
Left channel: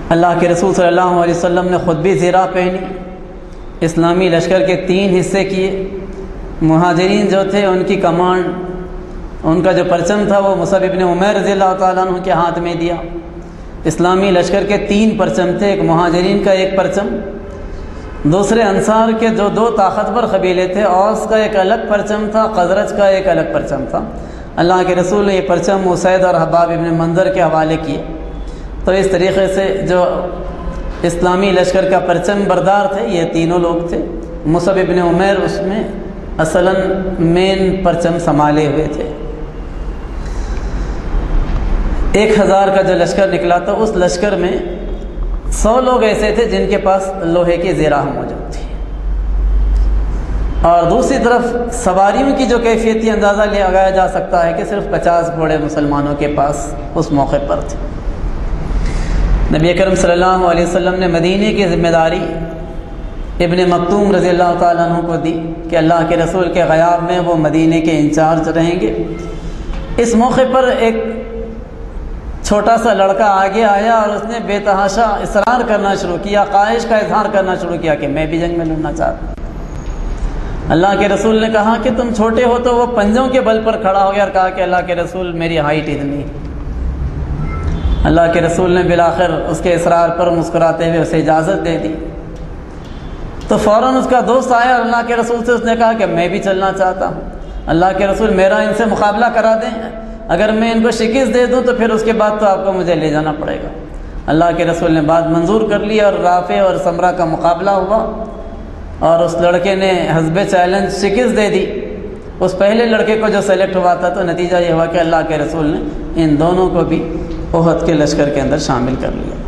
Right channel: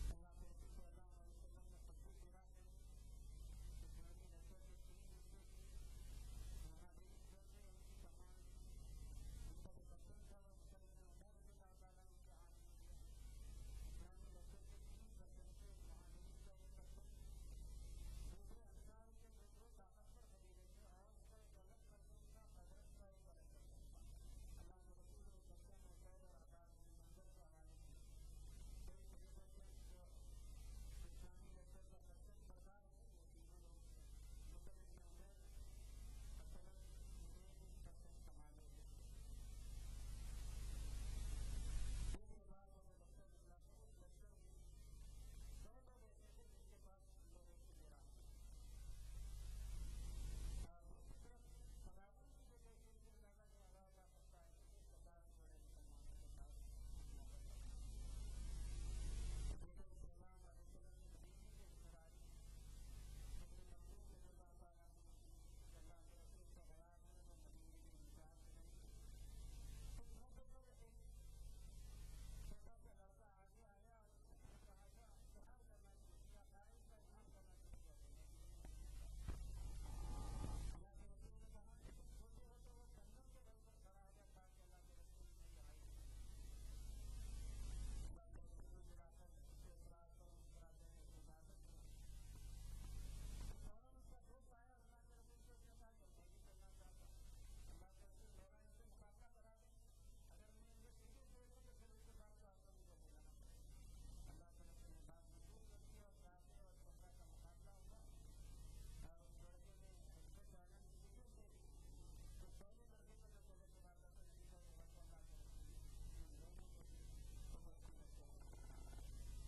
اللہ کے رسول صلی اللہ علیہ وسلم نے خود بھی زیرہ پہنی، اسلامی لشکر کے 3 حصے کیے۔ مہاجرین جو تھے ان کی کمانڈ، ان کا جو پرچم تھا وہ مصعب ابن عمیر رضی اللہ تعالیٰ عنہ کے ہاتھ میں دیا۔ اسلامی لشکر کے 3 پرچم تھے، ایک مہاجرین کا ایک پرچم، دوسرے انصار کے جو 2 طاقتور قبیلے تھے، اوس کا ایک الگ پرچم تھا، خزرج کا ایک الگ پرچم تھا۔ اللہ کے رسول نے یہ پرچم اسید اور حباب ابن منظر کے حوالے کیے۔ تو اس طریقے سے جو اسلامی لشکر کا پرچم بردار تھے یہ تینوں لوگ تھے۔ مصعب ابن عمیر اس میں اصلاً مین پرچم سنبھالے ہوئے تھے۔ 1000 کا جو لشکر نکلا تھا اس لشکر میں 100 لوگ ایسے تھے جن کے پاس لوہے کی زیرہ موجود تھی، اور دوسری طرف سواریوں کی جو کیفیت تھی اندازہ لگایا جا سکتا ہے کہ صرف 50 گھوڑے مسلمانوں کے پاس اس موقع پر تھے۔ نبی اکرم صلی اللہ علیہ وسلم نے مدینے کی ذمہ داری ابن مکتوم رضی اللہ تعالیٰ عنہ کو دی کہ اللہ کے رسول کے غیاب میں وہ مدینے کے انچارج رہیں گے۔ اس موقع پر ایک چھوٹا سا لڑکا آگے آیا اور اس نے بے تحاشا اصرار کرنا شروع کیا، خواہش کا اظہار کرنا شروع کیا کہ میں بھی جنگ میں لڑنا چاہتا ہوں۔ اللہ کے رسول نے کہا کہ تم چھوٹے ہو، تو وہ پنجوں کے بل پر کھڑا ہو گیا اور کہا کہ اللہ کے رسول میری ہائٹ اتنی ہے۔ اللہ کے رسول نے بالآخر اس کے اصرار پر مسکراتے ہوئے اسے اجازت دے دی۔ تو فوراً اس کا دوست آیا اور اللہ کے رسول سے اس نے کہا کہ میں بھی چلنا چاہتا ہوں، اللہ کے رسول میرا ان سے مقابلہ کرا دیں، اگر میں ان کو شکست دے دوں تو پھر اس کے بعد تو آپ کو مجھے لے جانا پڑے گا۔ اللہ کے رسول نے بات منظور کر لی اور رافع اور سمرہ کا مقابلہ ہوا، اور اس لڑکے نے حسب چیلنج شکست دے دی۔ اس پہلے لڑکے کو جو سلیکٹ ہوا تھا تو نتیجہ یہ ہوا کہ اللہ کے رسول نے ان دونوں کو بھی احد کے لشکر کے اندر شامل کر لیا۔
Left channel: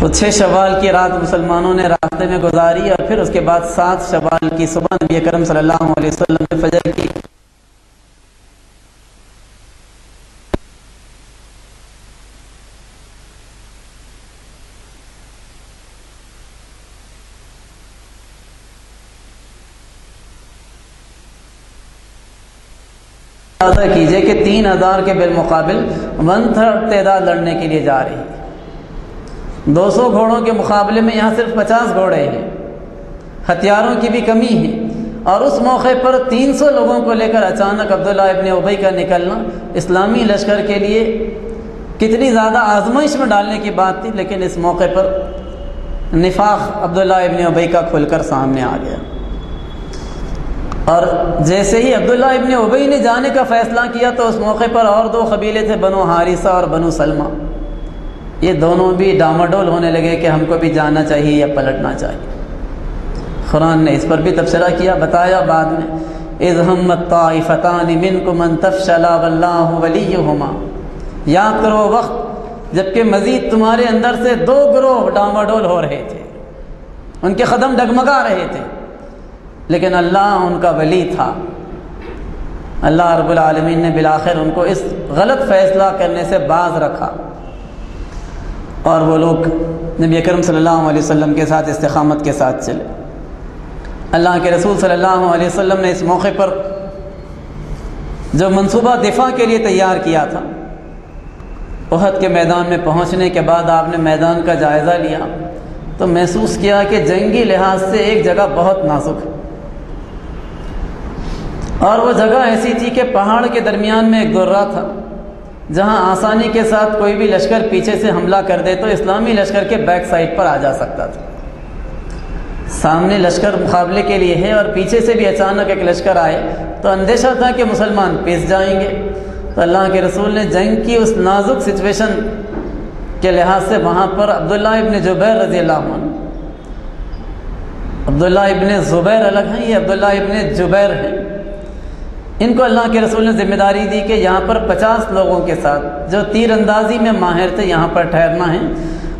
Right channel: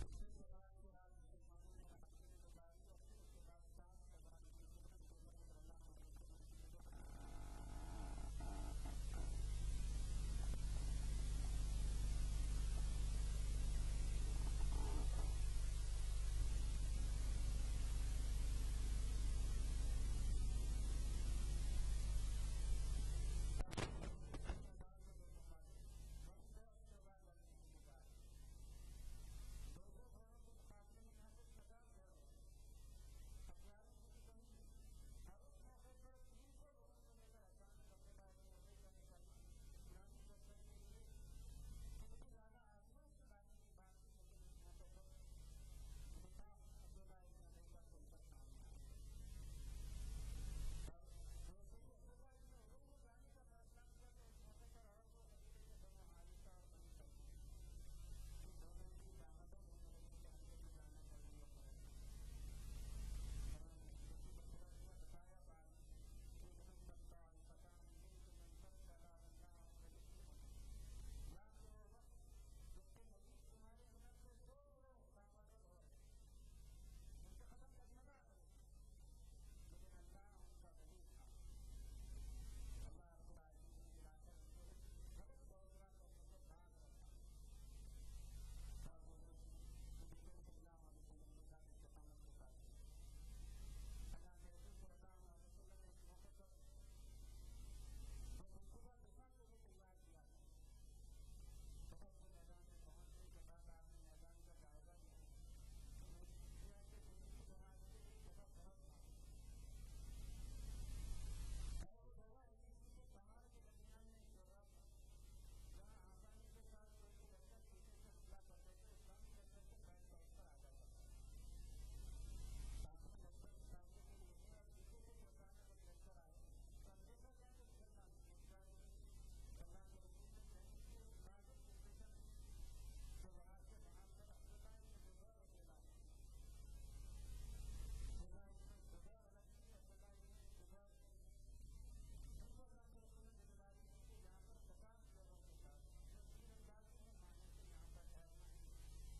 تو 6 شوال کی رات مسلمانوں نے راستے میں گزاری، اور پھر اس کے بعد 7 شوال کی صبح نبی اکرم صلی اللہ علیہ وسلم نے فجر کی کیجئے کہ 3000 کے بالمقابل 1/3 تعداد لڑنے کے لیے جا رہی ہے۔ 200 گھوڑوں کے مقابلے میں یہاں صرف 50 گھوڑے ہیں، ہتھیاروں کی بھی کمی ہے، اور اس موقع پر 300 لوگوں کو لے کر اچانک عبداللہ ابن ابی کا نکلنا اسلامی لشکر کے لیے کتنی زیادہ آزمائش میں ڈالنے کی بات تھی۔ لیکن اس موقع پر نفاق عبداللہ ابن ابی کا کھل کر سامنے آ گیا، اور جیسے ہی عبداللہ ابن ابی نے جانے کا فیصلہ کیا تو اس موقع پر اور 2 قبیلے تھے، بنو حارثہ اور بنو سلمہ، یہ دونوں بھی ڈاماڈول ہونے لگے کہ ہم کو بھی جانا چاہیے یا پلٹنا چاہیے۔ قرآن نے اس پر بھی تبصرہ کیا، بتایا بعد میں اذ ہمت طائفتان منکم ان تفشلا واللہ ولیہما، یاد کرو وقت جبکہ مزید تمہارے اندر سے 2 گروہ ڈاماڈول ہو رہے تھے، ان کے قدم ڈگمگا رہے تھے، لیکن اللہ ان کا ولی تھا۔ اللہ رب العالمین نے بالآخر ان کو اس غلط فیصلہ کرنے سے باز رکھا، اور وہ لوگ نبی اکرم صلی اللہ علیہ وسلم کے ساتھ استقامت کے ساتھ چلے۔ اللہ کے رسول صلی اللہ علیہ وسلم نے اس موقع پر جو منصوبہ دفاع کے لیے تیار کیا تھا، احد کے میدان میں پہنچنے کے بعد آپ نے میدان کا جائزہ لیا تو محسوس کیا کہ جنگی لحاظ سے ایک جگہ بہت نازک ہے، اور وہ جگہ ایسی تھی کہ پہاڑ کے درمیان میں ایک درہ تھا جہاں آسانی کے ساتھ کوئی بھی لشکر پیچھے سے حملہ کر دے تو اسلامی لشکر کے بیک سائڈ پر آ جا سکتا تھا۔ سامنے لشکر مقابلے کے لیے ہے اور پیچھے سے بھی اچانک ایک لشکر آئے تو اندیشہ تھا کہ مسلمان پیس جائیں گے، تو اللہ کے رسول نے جنگ کی اس نازک سچویشن کے لحاظ سے وہاں پر عبداللہ ابن جبیر رضی اللہ عنہ، عبداللہ ابن زبیر الگ ہیں، یہ عبداللہ ابن جبیر ہیں، ان کو اللہ کے رسول نے ذمہ داری دی کہ یہاں پر 50 لوگوں کے ساتھ جو تیر اندازی میں ماہر تھے یہاں پر ٹھہرنا ہے،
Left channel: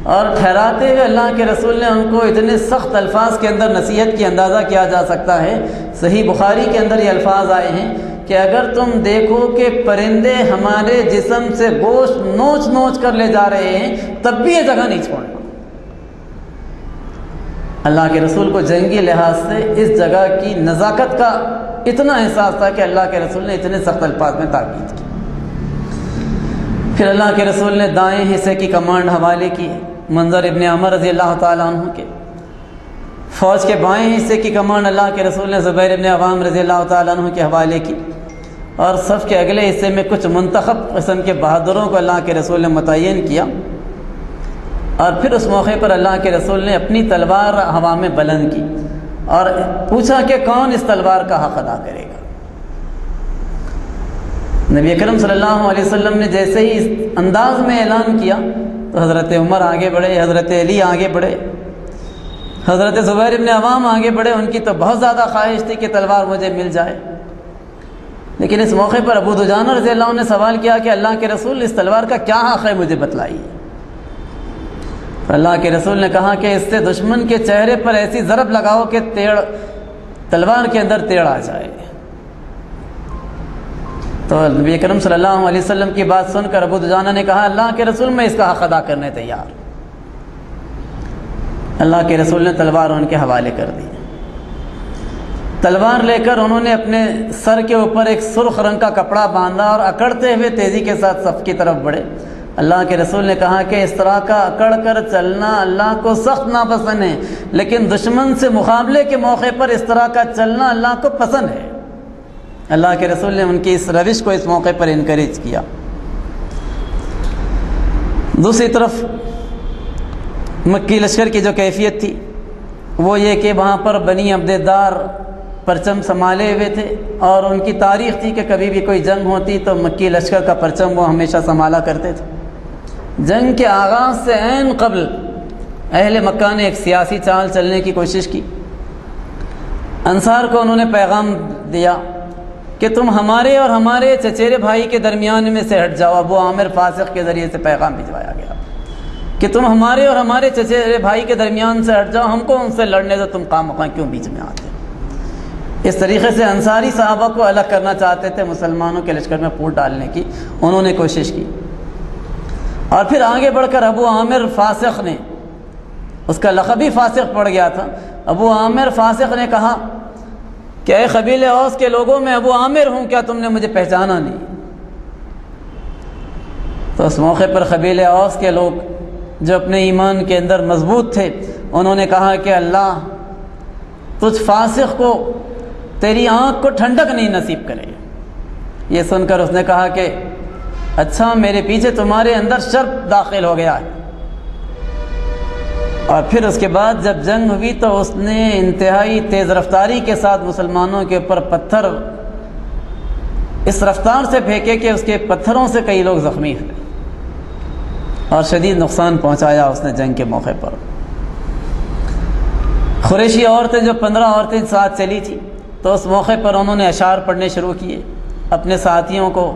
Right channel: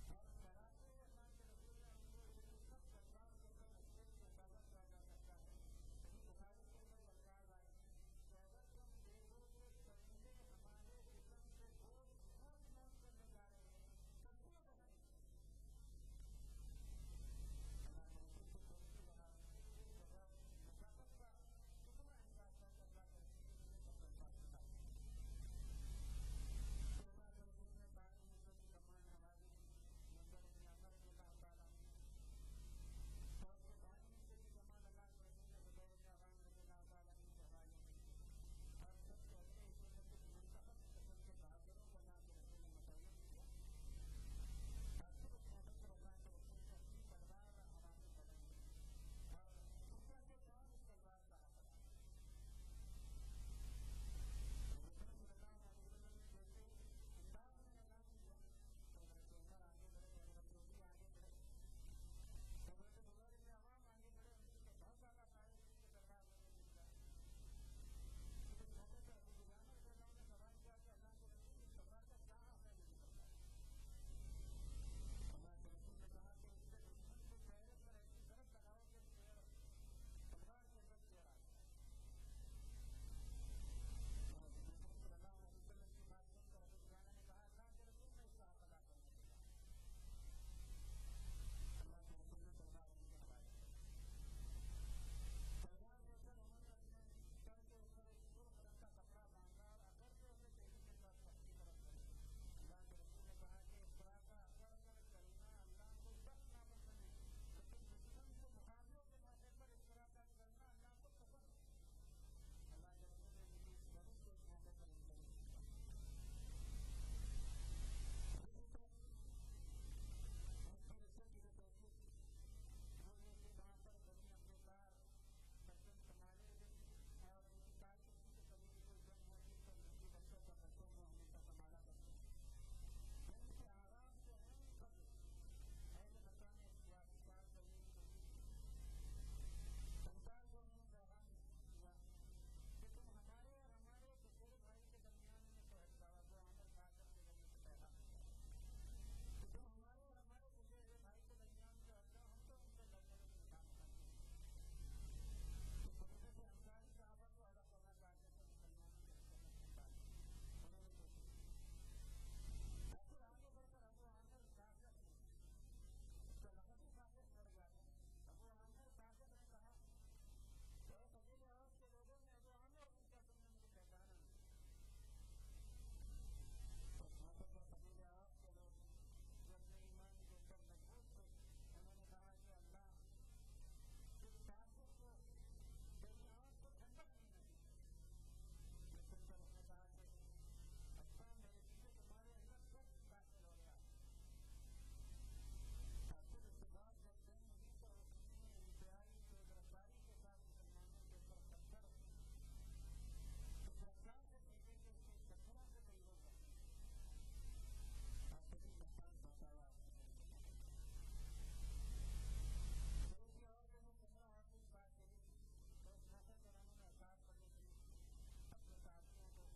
اور ٹھہراتے ہوئے اللہ کے رسول نے ان کو اتنے سخت الفاظ کے اندر نصیحت کی، اندازہ کیا جا سکتا ہے صحیح بخاری کے اندر یہ الفاظ آئے ہیں کہ اگر تم دیکھو کہ پرندے ہمارے جسم سے گوشت نوچ نوچ کر لے جا رہے ہیں تب بھی یہ جگہ نہیں چھوڑنا۔ اللہ کے رسول کو جنگی لحاظ سے اس جگہ کی نزاکت کا اتنا احساس تھا کہ اللہ کے رسول نے اتنے سخت الفاظ میں تاکید کی۔ پھر اللہ کے رسول نے دائیں حصے کی کمانڈ حوالے کی، منظر ابن عمر رضی اللہ تعالیٰ عنہ کے۔ فوج کے بائیں حصے کی کمانڈ اللہ کے رسول نے زبیر ابن عوام رضی اللہ تعالیٰ عنہ کے حوالے کی، اور صف کے اگلے حصے میں کچھ منتخب قسم کے بہادروں کو اللہ کے رسول نے متعین کیا، اور پھر اس موقع پر اللہ کے رسول نے اپنی تلوار ہوا میں بلند کی اور پوچھا کہ کون اس تلوار کا حق ادا کرے گا۔ نبی اکرم صلی اللہ علیہ وسلم نے جیسے ہی اس انداز میں اعلان کیا تو حضرت عمر آگے بڑھے، حضرت علی آگے بڑھے، حضرت زبیر ابن عوام آگے بڑھے۔ ان کی تو بہت زیادہ خواہش تھی کہ تلوار مجھے مل جائے، لیکن اس موقع پر ابو دجانہ رضی اللہ عنہ نے سوال کیا کہ اللہ کے رسول اس تلوار کا کیا حق ہے، مجھے بتلائیے۔ اللہ کے رسول نے کہا کہ اس سے دشمن کے چہرے پر ایسی ضرب لگاؤ کہ تلوار کے اندر تیڑ آ جائے۔ تو نبی اکرم صلی اللہ علیہ وسلم کی بات سن کر ابو دجانہ نے کہا اللہ کے رسول میں اس کا حق ادا کرنے تیار۔ اللہ کے رسول نے تلوار ان کے حوالے کر دی۔ تلوار لے کر انہوں نے اپنے سر کے اوپر ایک سرخ رنگ کا کپڑا باندھا اور اکڑتے ہوئے تیزی کے ساتھ صف کی طرف بڑھے۔ اللہ کے رسول نے کہا کہ اس طرح کا اکڑ کر چلنا اللہ کو سخت ناپسند ہے، لیکن دشمن سے مقابلے کے موقع پر اس طرح کا چلنا اللہ کو پسند ہے۔ اللہ کے رسول نے ان کی اس روش کو اس موقع پر انکریج کیا۔ دوسری طرف مکی لشکر کی جو کیفیت تھی وہ یہ کہ وہاں پر بنی عبدالدار پرچم سنبھالے ہوئے تھے، اور ان کی تاریخ تھی کہ کبھی بھی کوئی جنگ ہوتی تو مکی لشکر کا پرچم وہ ہمیشہ سنبھالا کرتے تھے۔ جنگ کے آغاز سے عین قبل اہل مکہ نے ایک سیاسی چال چلنے کی کوشش کی۔ انصار کو انہوں نے پیغام دیا کہ تم ہمارے اور ہمارے چچیرے بھائی کے درمیان میں سے ہٹ جاؤ۔ ابو عامر فاسق کے ذریعے سے پیغام بھجوایا گیا کہ تم ہمارے اور ہمارے چچیرے بھائی کے درمیان سے ہٹ جاؤ، ہم کو ان سے لڑنے دو، تم خواہ مخواہ کیوں بیچ میں آتے۔ اس طریقے سے انصاری صحابہ کو الگ کرنا چاہتے تھے، مسلمانوں کے لشکر میں پھوٹ ڈالنے کی انہوں نے کوشش کی۔ اور پھر آگے بڑھ کر ابو عامر فاسق نے، اس کا لقب ہی فاسق پڑ گیا تھا، ابو عامر فاسق نے کہا کہ اے قبیلہ اوس کے لوگوں میں ابو عامر ہوں، کیا تم نے مجھے پہچانا نہیں؟ تو اس موقع پر قبیلہ اوس کے لوگ جو اپنے ایمان کے اندر مضبوط تھے انہوں نے کہا کہ اللہ تجھ فاسق کو تیری آنکھ کو ٹھنڈک نہیں نصیب کرے۔ یہ سن کر اس نے کہا کہ اچھا میرے پیچھے تمہارے اندر شر داخل ہو گیا ہے۔ اور پھر اس کے بعد جب جنگ ہوئی تو اس نے انتہائی تیز رفتاری کے ساتھ مسلمانوں کے اوپر پتھر اس رفتار سے پھینکے کہ اس کے پتھروں سے کئی لوگ زخمی ہوئے اور شدید نقصان پہنچایا اس نے جنگ کے موقع پر۔ قریشی عورتیں جو 15 عورتیں ساتھ چلی تھیں تو اس موقع پر انہوں نے اشعار پڑھنے شروع کیے، اپنے ساتھیوں کو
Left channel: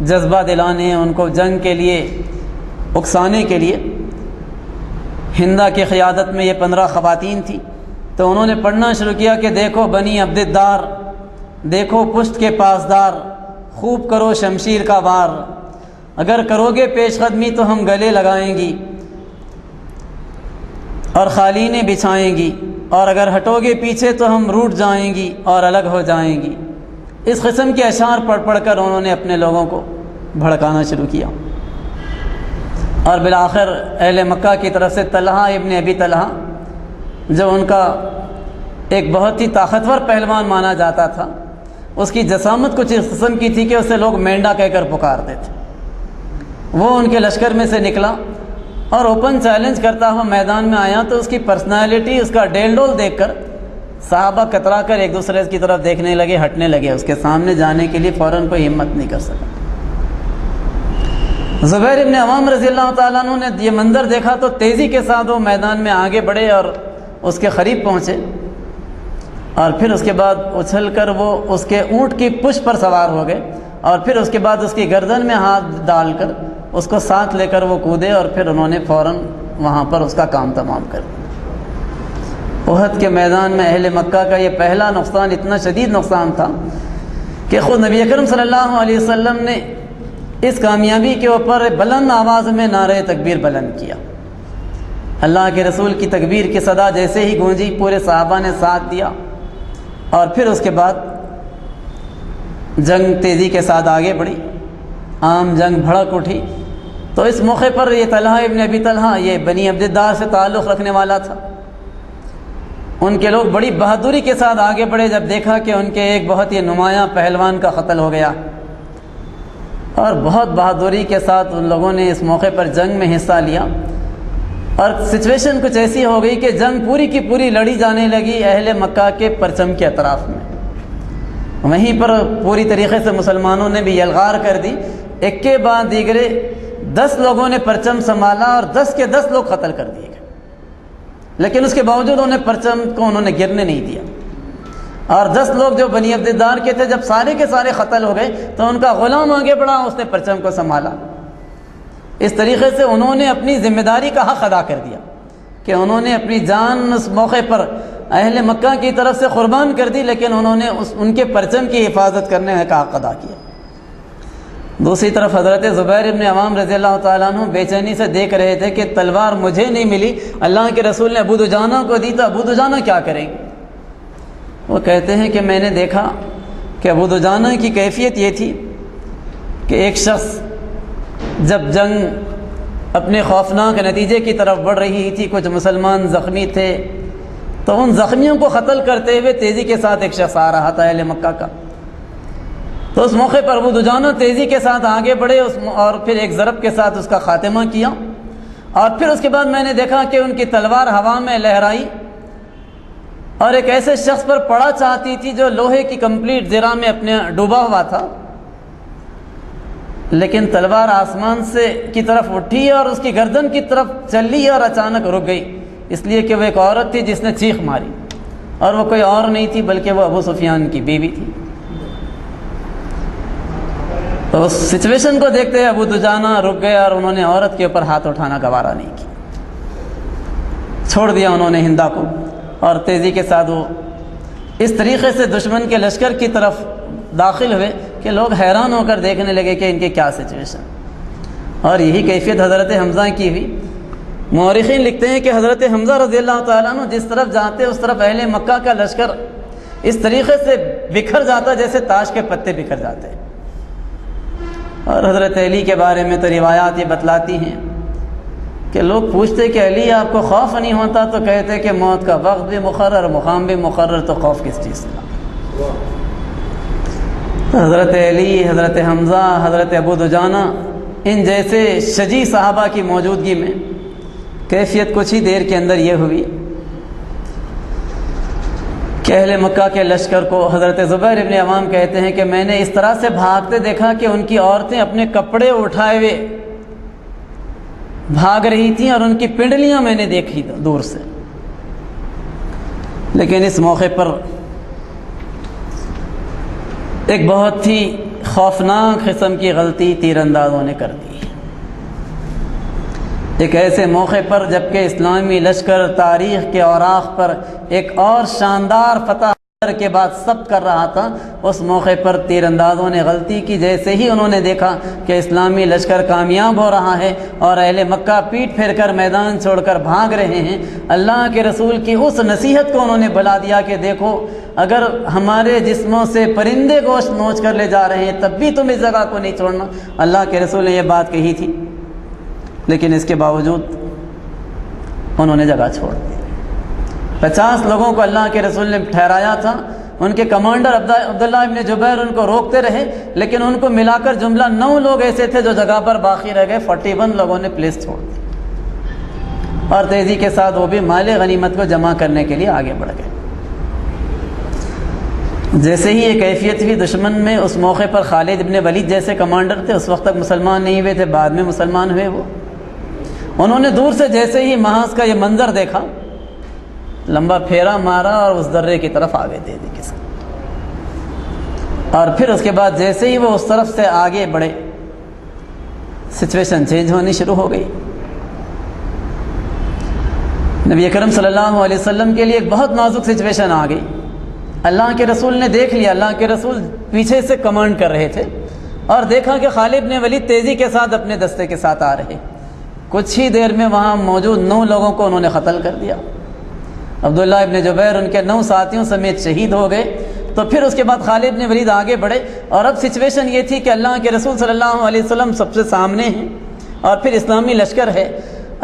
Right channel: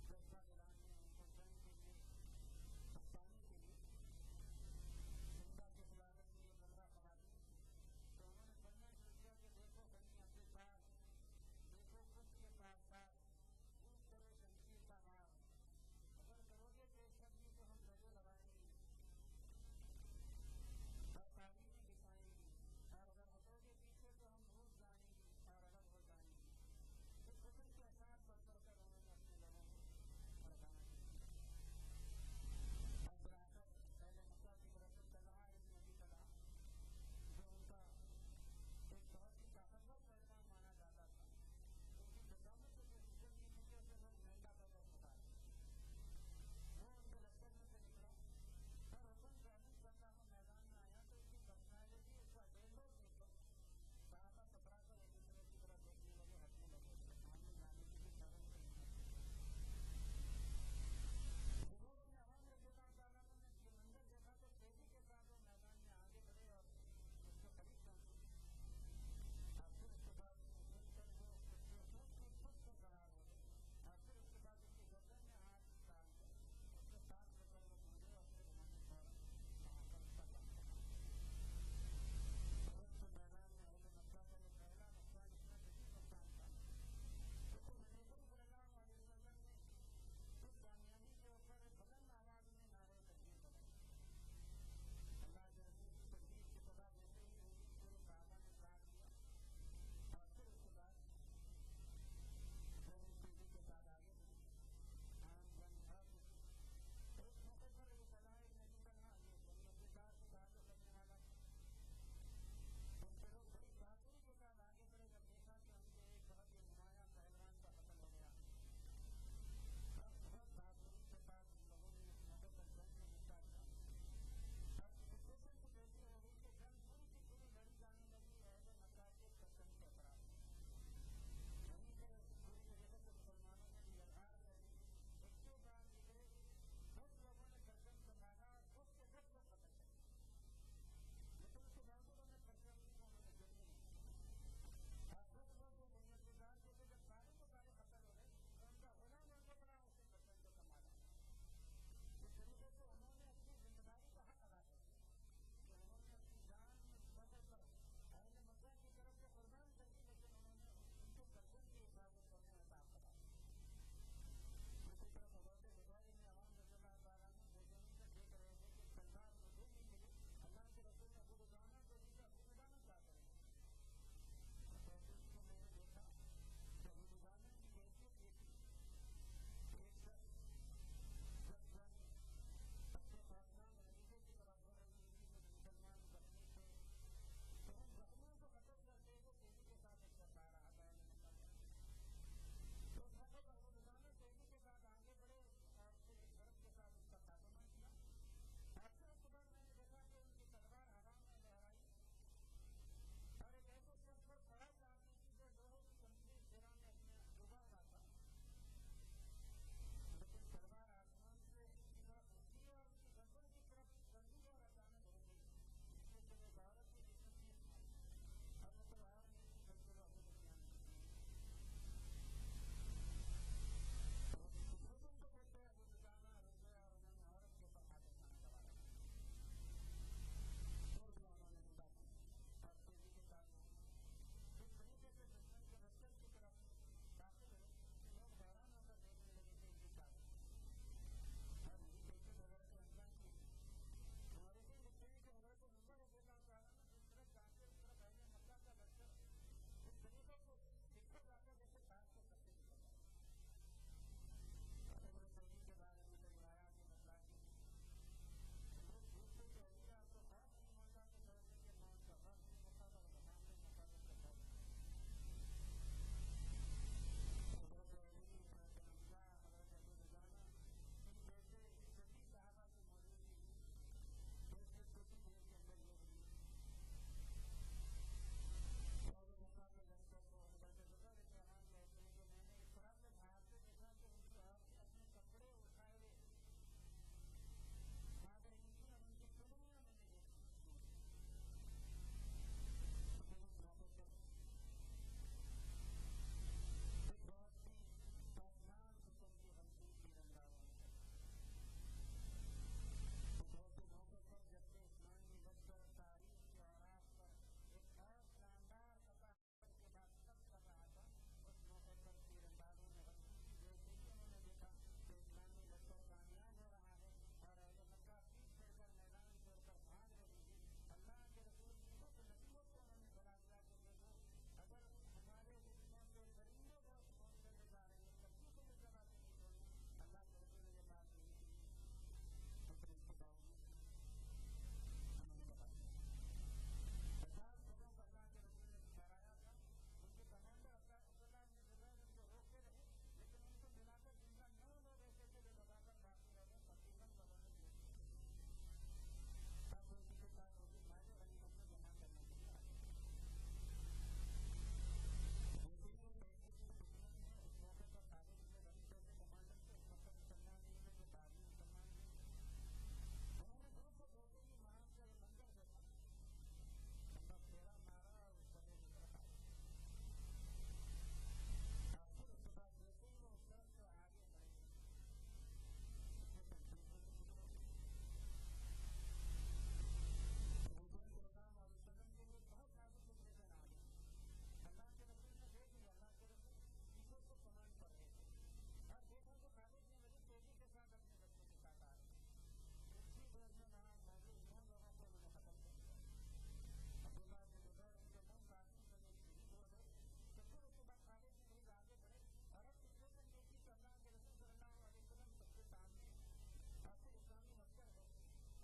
جذبہ دلانے، ان کو جنگ کے لیے اکسانے کے لیے۔ ہندہ کی قیادت میں یہ 15 خواتین تھیں تو انہوں نے پڑھنا شروع کیا کہ دیکھو بنی عبدالدار، دیکھو پشت کے پاسدار، خوب کرو شمشیر کا وار، اگر کرو گے پیش قدمی تو ہم گلے لگائیں گی اور قالینیں بچھائیں گی، اور اگر ہٹو گے پیچھے تو ہم روٹ جائیں گی اور الگ ہو جائیں گی۔ اس قسم کے اشعار پڑھ پڑھ کر انہوں نے اپنے لوگوں کو بھڑکانا شروع کیا، اور بالآخر اہل مکہ کی طرف سے طلحہ ابن ابی طلحہ، جو ان کا ایک بہت ہی طاقتور پہلوان مانا جاتا تھا، اس کی جسامت کچھ اس قسم کی تھی کہ اسے لوگ مینڈا کہہ کر پکارتے تھے، وہ ان کے لشکر میں سے نکلا اور اوپن چیلنج کرتا ہوا میدان میں آیا، تو اس کی پرسنالٹی، اس کا ڈیل ڈول دیکھ کر صحابہ کترا کر ایک دوسرے کی طرف دیکھنے لگے، ہٹنے لگے، اس کے سامنے جانے کے لیے فوراً کوئی ہمت نہیں کر سکا۔ زبیر ابن عوام رضی اللہ تعالیٰ عنہ نے یہ منظر دیکھا تو تیزی کے ساتھ وہ میدان میں آگے بڑھے اور اس کے قریب پہنچے، اور پھر اس کے بعد اچھل کر وہ اس کے اونٹ کی پشت پر سوار ہو گئے، اور پھر اس کے بعد اس کی گردن میں ہاتھ ڈال کر اس کو ساتھ لے کر وہ کودے، اور پھر انہوں نے فوراً وہاں پر اس کا کام تمام کر دیا۔ احد کے میدان میں اہل مکہ کا یہ پہلا نقصان اتنا شدید نقصان تھا کہ خود نبی اکرم صلی اللہ علیہ وسلم نے اس کامیابی کے اوپر بلند آواز میں نعرہ تکبیر بلند کیا۔ اللہ کے رسول کی تکبیر کی صدا جیسے ہی گونجی، پورے صحابہ نے ساتھ دیا، اور پھر اس کے بعد جنگ تیزی کے ساتھ آگے بڑھی، عام جنگ بھڑک اٹھی۔ تو اس موقع پر یہ طلحہ ابن ابی طلحہ، یہ بنی عبد الدار سے تعلق رکھنے والا تھا، ان کے لوگ بڑی بہادری کے ساتھ آگے بڑھے جب دیکھا کہ ان کے ایک بہت ہی نمایاں پہلوان کا قتل ہو گیا، اور بہت بہادری کے ساتھ ان لوگوں نے اس موقع پر جنگ میں حصہ لیا، اور سچویشن کچھ ایسی ہو گئی کہ جنگ پوری کی پوری لڑی جانے لگی اہل مکہ کے پرچم کے اطراف میں۔ وہیں پر پوری طریقے سے مسلمانوں نے بھی یلغار کر دی، ایک کے بعد دیگرے 10 لوگوں نے پرچم سنبھالا اور 10 کے 10 لوگ قتل کر دیے گئے، لیکن اس کے باوجود انہیں پرچم کو انہوں نے گرنے نہیں دیا، اور 10 لوگ جو بنی عبد الدار کے تھے، جب سارے کے سارے قتل ہو گئے تو ان کا غلام آگے بڑھا، اس نے پرچم کو سنبھالا۔ اس طریقے سے انہوں نے اپنی ذمہ داری کا حق ادا کر دیا کہ انہوں نے اپنی جان اس موقع پر اہل مکہ کی طرف سے قربان کر دی، لیکن انہوں نے ان کے پرچم کی حفاظت کرنے کا حق ادا کیا۔ دوسری طرف حضرت زبیر ابن عوام رضی اللہ تعالیٰ عنہ بے چینی سے دیکھ رہے تھے کہ تلوار مجھے نہیں ملی، اللہ کے رسول نے ابو دجانہ کو دی، تو ابو دجانہ کیا کریں گے؟ وہ کہتے ہیں کہ میں نے دیکھا کہ ابو دجانہ کی کیفیت یہ تھی کہ ایک شخص جب جنگ اپنے خوفناک نتیجے کی طرف بڑھ رہی تھی، کچھ مسلمان زخمی تھے، تو ان زخمیوں کو قتل کرتے ہوئے تیزی کے ساتھ ایک شخص آ رہا تھا اہل مکہ کا، تو اس موقع پر ابو دجانہ تیزی کے ساتھ آگے بڑھے اور پھر ایک ضرب کے ساتھ اس کا خاتمہ کیا، اور پھر اس کے بعد میں نے دیکھا کہ ان کی تلوار ہوا میں لہرائی اور ایک ایسے شخص پر پڑا چاہتی تھی جو لوہے کی کمپلیٹ زرہ میں اپنے ڈوبا ہوا تھا، لیکن تلوار آسمان سے کی طرف اٹھی اور اس کی گردن کی طرف چلی اور اچانک رک گئی، اس لیے کہ وہ ایک عورت تھی جس نے چیخ ماری، اور وہ کوئی اور نہیں تھی بلکہ وہ ابو سفیان کی بیوی تھی۔ تو اس سچویشن کو دیکھتے ابو دجانہ رک گئے اور انہوں نے عورت کے اوپر ہاتھ اٹھانا گوارا نہیں کیا، چھوڑ دیا انہوں نے ہندا کو، اور تیزی کے ساتھ وہ اس طریقے سے دشمن کے لشکر کی طرف داخل ہوئے کہ لوگ حیران ہو کر دیکھنے لگے کہ ان کی کیا سچویشن۔ اور یہی کیفیت حضرت حمزہ کی ہوئی۔ مورخین لکھتے ہیں کہ حضرت حمزہ رضی اللہ تعالیٰ عنہ جس طرف جاتے اس طرف اہل مکہ کا لشکر اس طریقے سے بکھر جاتا جیسے تاش کے پتے بکھر جاتے۔ اور حضرت علی کے بارے میں تو روایات یہ بتلاتی ہیں کہ لوگ پوچھتے کہ علی آپ کو خوف نہیں ہوتا، تو کہتے کہ موت کا وقت بھی مقرر، مقام بھی مقرر، تو خوف کس چیز کا؟ حضرت علی، حضرت حمزہ، حضرت ابو دجانہ، ان جیسے شجیع صحابہ کی موجودگی میں کیفیت کچھ ہی دیر کے اندر یہ ہوئی کہ اہل مکہ کے لشکر کو حضرت زبیر ابن عوام کہتے ہیں کہ میں نے اس طرح سے بھاگتے دیکھا کہ ان کی عورتیں اپنے کپڑے اٹھائے ہوئے بھاگ رہی تھیں، اور ان کی پنڈلیاں میں نے دیکھی دور سے۔ لیکن اس موقع پر ایک بہت ہی خوفناک قسم کی غلطی تیر اندازوں نے کر دی، ایک ایسے موقع پر جبکہ اسلامی لشکر تاریخ کے اوراق پر ایک اور شاندار فتح کے بعد سب کر رہا تھا، اس موقع پر تیر اندازوں نے غلطی کی۔ جیسے ہی انہوں نے دیکھا کہ اسلامی لشکر کامیاب ہو رہا ہے اور اہل مکہ پیٹ پھیر کر میدان چھوڑ کر بھاگ رہے ہیں، اللہ کے رسول کی اس نصیحت کو انہوں نے بھلا دیا کہ دیکھو اگر ہمارے جسموں سے پرندے گوشت نوچ کر لے جا رہے ہیں تب بھی تم اس جگہ کو نہیں چھوڑنا۔ اللہ کے رسول نے یہ بات کہی تھی، لیکن اس کے باوجود انہوں نے جگہ چھوڑ دی۔ 50 لوگوں کو اللہ کے رسول نے ٹھہرایا تھا، ان کے کمانڈر عبداللہ ابن جبیر ان کو روکتے رہے، لیکن ان کو ملا کر جملہ 9 لوگ ایسے تھے جو جگہ پر باقی رہ گئے۔ 41 لوگوں نے پلیس چھوڑ دی اور تیزی کے ساتھ وہ بھی مال غنیمت کو جمع کرنے کے لیے آگے بڑھ گئے۔ جیسے ہی یہ کیفیت ہوئی دشمن میں، اس موقع پر خالد ابن ولید جیسے کمانڈر تھے، اس وقت تک مسلمان نہیں ہوئے تھے، بعد میں مسلمان ہوئے وہ۔ انہوں نے دور سے جیسے ہی محاذ کا یہ منظر دیکھا، لمبا پھیرا مارا اور اس درے کی طرف آگے دے دی کسی، اور پھر اس کے بعد جیسے ہی وہ اس طرف سے آگے بڑھے سچویشن چینج ہونی شروع ہو گئی۔ نبی اکرم صلی اللہ علیہ وسلم کے لیے ایک بہت نازک سچویشن آ گئی۔ اللہ کے رسول نے دیکھ لیا، اللہ کے رسول پیچھے سے کمانڈ کر رہے تھے اور دیکھا کہ خالد بن ولید تیزی کے ساتھ اپنے دستے کے ساتھ آ رہے۔ کچھ ہی دیر میں وہاں موجود 9 لوگوں کو انہوں نے قتل کر دیا۔ عبداللہ ابن جبیر ان کے 9 ساتھیوں سمیت شہید ہو گئے۔ تو پھر اس کے بعد خالد بن ولید آگے بڑھے، اور اب سچویشن یہ تھی کہ اللہ کے رسول صلی اللہ علیہ وسلم سب سے سامنے ہیں اور پھر اسلامی لشکر ہے۔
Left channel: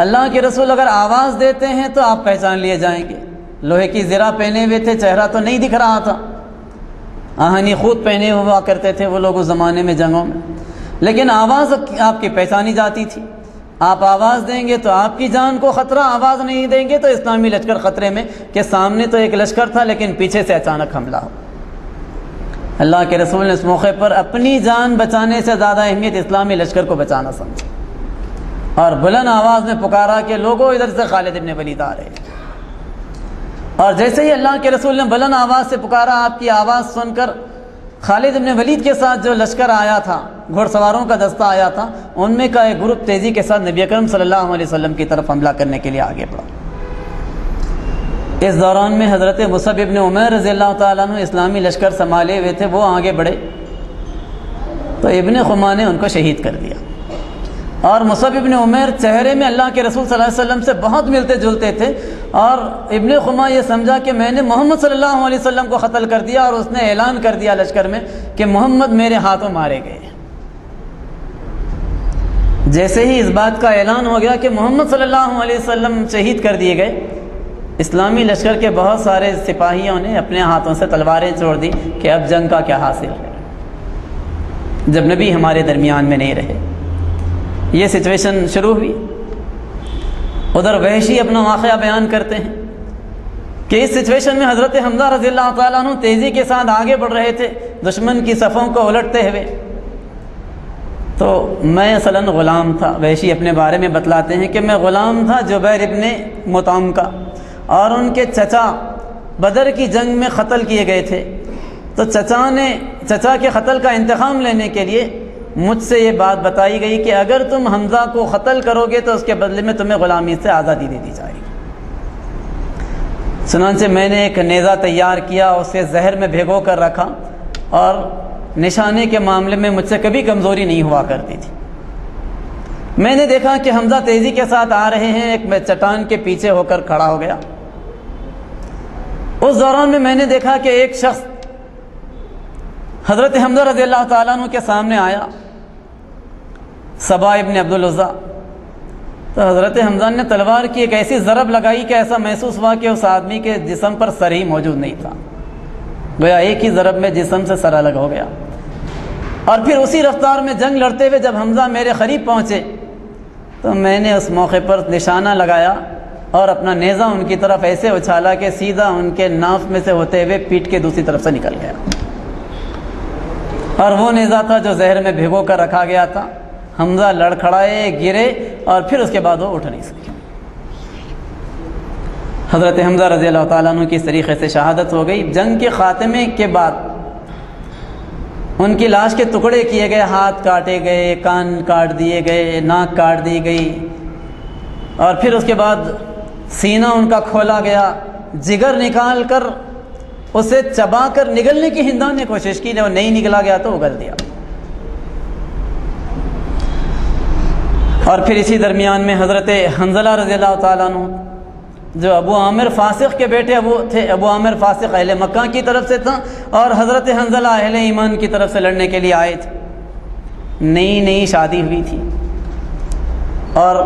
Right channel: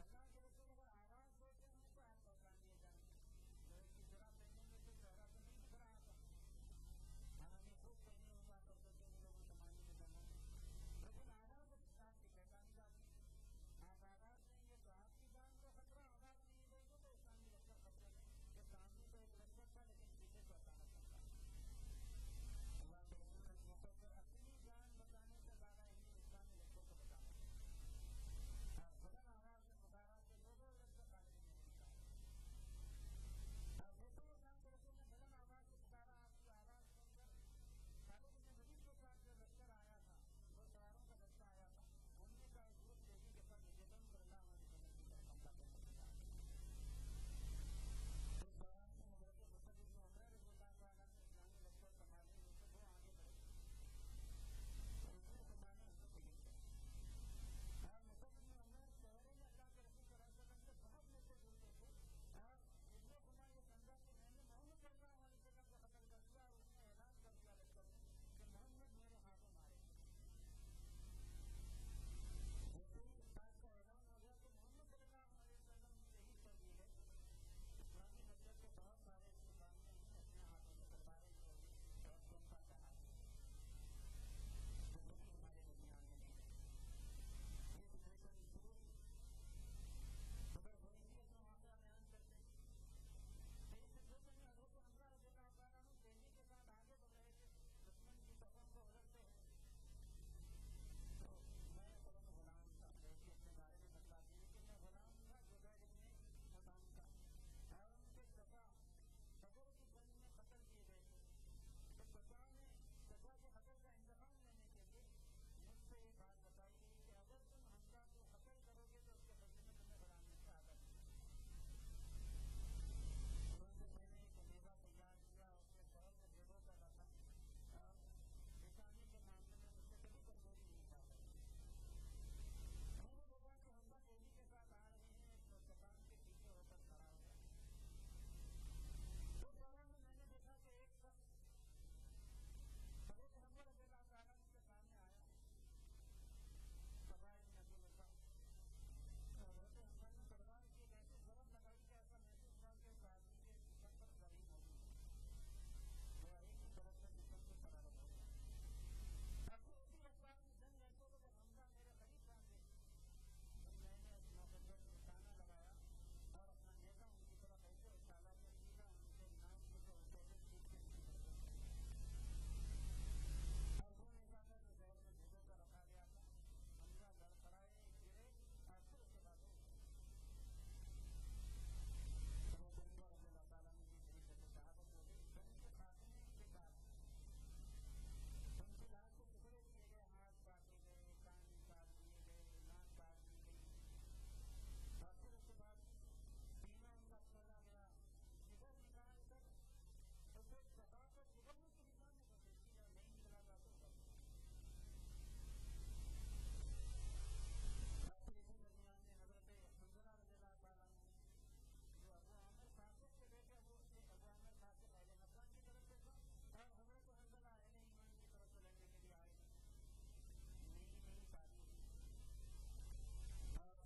اللہ کے رسول اگر آواز دیتے ہیں تو آپ پہچان لیے جائیں گے۔ لوہے کی زرہ پہنے ہوئے تھے، چہرہ تو نہیں دکھ رہا تھا، آہنی خود پہنے ہوا کرتے تھے وہ لوگ اس زمانے میں جنگوں میں، لیکن آواز آپ کی پہچانی جاتی تھی۔ آپ آواز دیں گے تو آپ کی جان کو خطرہ، آواز نہیں دیں گے تو اسلامی لشکر خطرے میں، کہ سامنے تو ایک لشکر تھا لیکن پیچھے سے اچانک حملہ ہو۔ اللہ کے رسول نے اس موقع پر اپنی جان بچانے سے زیادہ اہمیت اسلامی لشکر کو بچانا سمجھی اور بلند آواز میں پکارا کہ لوگوں ادھر سے خالد ابن ولید آ رہے ہیں۔ اور جیسے ہی اللہ کے رسول نے بلند آواز سے پکارا، آپ کی آواز سن کر خالد ابن ولید کے ساتھ جو لشکر آیا تھا، گھوڑ سواروں کا دستہ آیا تھا، ان میں کا ایک گروپ تیزی کے ساتھ نبی اکرم صلی اللہ علیہ وسلم کی طرف حملہ کرنے کے لیے آگے بڑھا۔ اس دوران میں حضرت مصعب ابن عمیر رضی اللہ تعالیٰ عنہ اسلامی لشکر سنبھالے ہوئے تھے، وہ آگے بڑھے تو ابن خما نے ان کو شہید کر دیا۔ اور مصعب ابن عمیر چہرے میں اللہ کے رسول صلی اللہ علیہ وسلم سے بہت ملتے جلتے تھے، اور ابن خما یہ سمجھا کہ میں نے محمد صلی اللہ علیہ وسلم کو قتل کر دیا، اور اس نے اعلان کر دیا لشکر میں کہ محمد میرے ہاتھوں مارے گئے۔ جیسے ہی اس بات کا اعلان ہو گیا کہ محمد صلی اللہ علیہ وسلم شہید کر دیے گئے، اسلامی لشکر کے بہت سارے سپاہیوں نے اپنے ہاتھوں سے تلواریں چھوڑ دی کہ اب جنگ کا کیا حاصل ہے جب نبی ہمارے درمیان میں نہیں رہے۔ یہ سچویشن شروع ہوئی۔ ادھر وحشی اپنا واقعہ بیان کرتے ہیں کہ اس سچویشن میں حضرت حمزہ رضی اللہ تعالیٰ عنہ تیزی کے ساتھ آگے بڑھ رہے تھے دشمن کی صفوں کو الٹتے ہوئے۔ تو میں اصلاً غلام تھا، وحشی اپنے بارے میں بتلاتے ہیں کہ میں غلام تھا جبیر ابن مطعم کا، اور ان کے چچا بدر کی جنگ میں قتل کیے گئے تھے۔ تو چچا کے قتل کا انتقام لینے کے لیے مجھ سے یہ بات بتائی گئی کہ اگر تم حمزہ کو قتل کرو گے تو اس کے بدلے میں تمہیں غلامی سے آزادی دے دی جائے گی۔ چنانچہ میں نے ایک نیزہ تیار کیا، اسے زہر میں بھگو کر رکھا، اور نشانے کے معاملے میں مجھ سے کبھی کمزوری نہیں ہوا کرتی تھی۔ میں نے دیکھا کہ حمزہ تیزی کے ساتھ آ رہے ہیں، ایک میں چٹان کے پیچھے ہو کر کھڑا ہو گیا۔ اس دوران میں نے دیکھا کہ ایک شخص حضرت حمزہ رضی اللہ تعالیٰ عنہ کے سامنے آیا، صبا ابن عبد العزیٰ۔ تو حضرت حمزہ نے تلوار کی ایک ایسی ضرب لگائی کہ ایسا محسوس ہوا کہ اس آدمی کے جسم پر سر ہی موجود نہیں تھا، گویا ایک ہی ضرب میں جسم سے سر الگ ہو گیا۔ اور پھر اسی رفتار میں جنگ لڑتے ہوئے جب حمزہ میرے قریب پہنچے تو میں نے اس موقع پر نشانہ لگایا اور اپنا نیزہ ان کی طرف ایسے اچھالا کہ سیدھا ان کے ناف میں سے ہوتے ہوئے پیٹھ کے دوسری طرف سے نکل گیا، اور وہ نیزہ تھا جو زہر میں بھگو کر رکھا گیا تھا۔ حمزہ لڑکھڑائے، گرے، اور پھر اس کے بعد وہ اٹھ نہیں سکے۔ حضرت حمزہ رضی اللہ تعالیٰ عنہ کی اس طریقے سے شہادت ہو گئی۔ جنگ کے خاتمے کے بعد ان کی لاش کے ٹکڑے کیے گئے، ہاتھ کاٹے گئے، کان کاٹ دیے گئے، ناک کاٹ دی گئی، اور پھر اس کے بعد سینہ ان کا کھولا گیا، جگر نکال کر اسے چبا کر نگلنے کی ہندان نے کوشش کی، وہ نہیں نگلا گیا تو اگل دیا۔ اور پھر اسی درمیان میں حضرت حنظلہ رضی اللہ تعالیٰ عنہ جو ابو عامر فاسق کے بیٹے ابو عامر فاسق اہل مکہ کی طرف سے تھا، اور حضرت حنظلہ اہل ایمان کی طرف سے لڑنے کے لیے آئے تھے۔ نئی شادی ہوئی تھی اور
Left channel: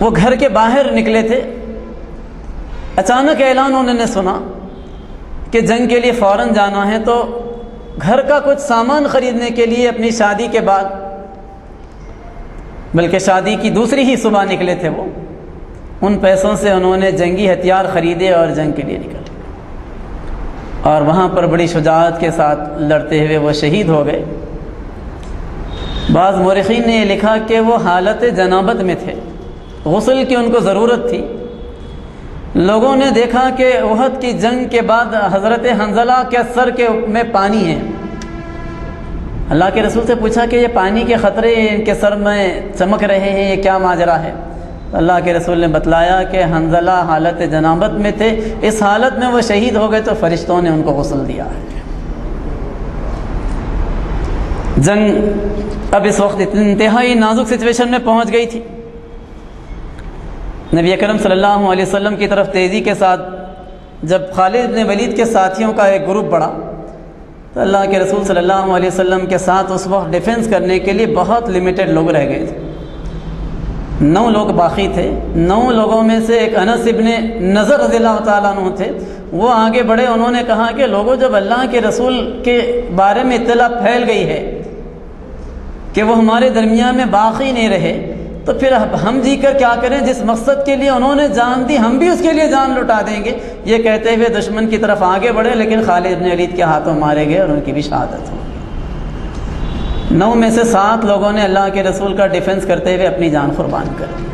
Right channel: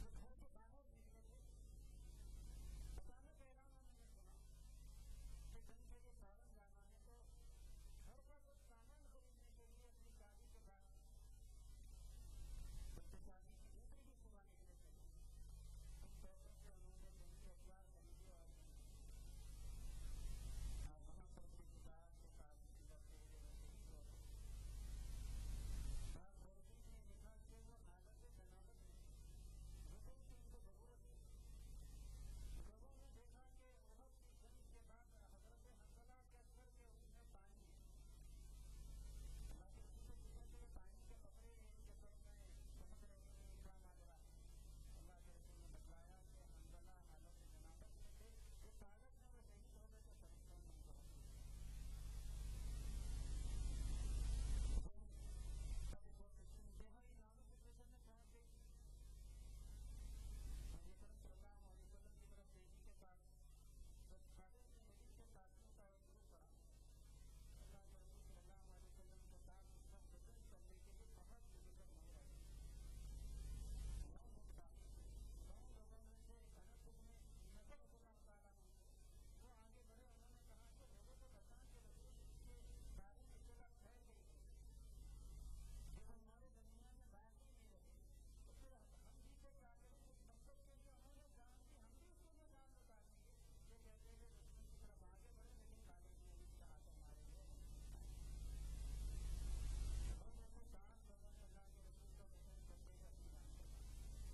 وہ گھر کے باہر نکلے تھے، اچانک اعلان انہوں نے سنا کہ جنگ کے لیے فوراً جانا ہے، تو گھر کا کچھ سامان خریدنے کے لیے اپنی شادی کے بعد، بلکہ شادی کی دوسری ہی صبح نکلے تھے وہ، ان پیسوں سے انہوں نے جنگی ہتھیار خریدے اور جنگ کے لیے نکلے، اور وہاں پر بڑی شجاعت کے ساتھ لڑتے ہوئے وہ شہید ہو گئے۔ بعض مورخین نے یہ لکھا کہ وہ حالت جنابت میں تھے، غسل کی ان کو ضرورت تھی۔ لوگوں نے دیکھا کہ احد کی جنگ کے بعد حضرت حنظلہ کے سر میں پانی ہے۔ اللہ کے رسول سے پوچھا کہ یہ پانی کے خطرے ان کے سر میں چمک رہے ہیں، یہ کیا ماجرا ہے؟ اللہ کے رسول نے بتلایا کہ حنظلہ حالت جنابت میں تھے، اس حالت میں وہ شہید ہو گئے تو فرشتوں نے ان کو غسل دیا ہے۔ جنگ اب اس وقت انتہائی نازک سچویشن میں پہنچ گئی تھی۔ نبی اکرم صلی اللہ علیہ وسلم کی طرف تیزی کے ساتھ جب خالد بن ولید کے ساتھیوں کا ایک گروپ بڑھا تو اللہ کے رسول صلی اللہ علیہ وسلم کے ساتھ اس وقت ڈیفنس کرنے کے لیے بہت لمیٹڈ لوگ رہ گئے تھے۔ 9 لوگ باقی تھے۔ 9 لوگوں میں سے ایک انس ابن نضر رضی اللہ تعالیٰ عنہ تھے، وہ آگے بڑھے، انہوں نے کہا کہ لوگوں جب اللہ کے رسول کے بارے میں اطلاع پھیل گئی ہے کہ وہ ہمارے درمیان میں باقی نہیں رہے تو پھر ہم جی کر کیا کریں؟ جس مقصد کے لیے انہوں نے جان دی ہم بھی اس کے لیے جان لٹا دیں گے۔ یہ کہتے ہوئے دشمن کی طرف آگے بڑھے، لیکن خالد بن ولید کے ہاتھوں مارے گئے اور ان کی بھی شہادت ہو گئی۔ 9 میں سے 7 لوگوں نے اللہ کے رسول کا ڈیفنس کرتے ہوئے اپنی جان قربان کر دی۔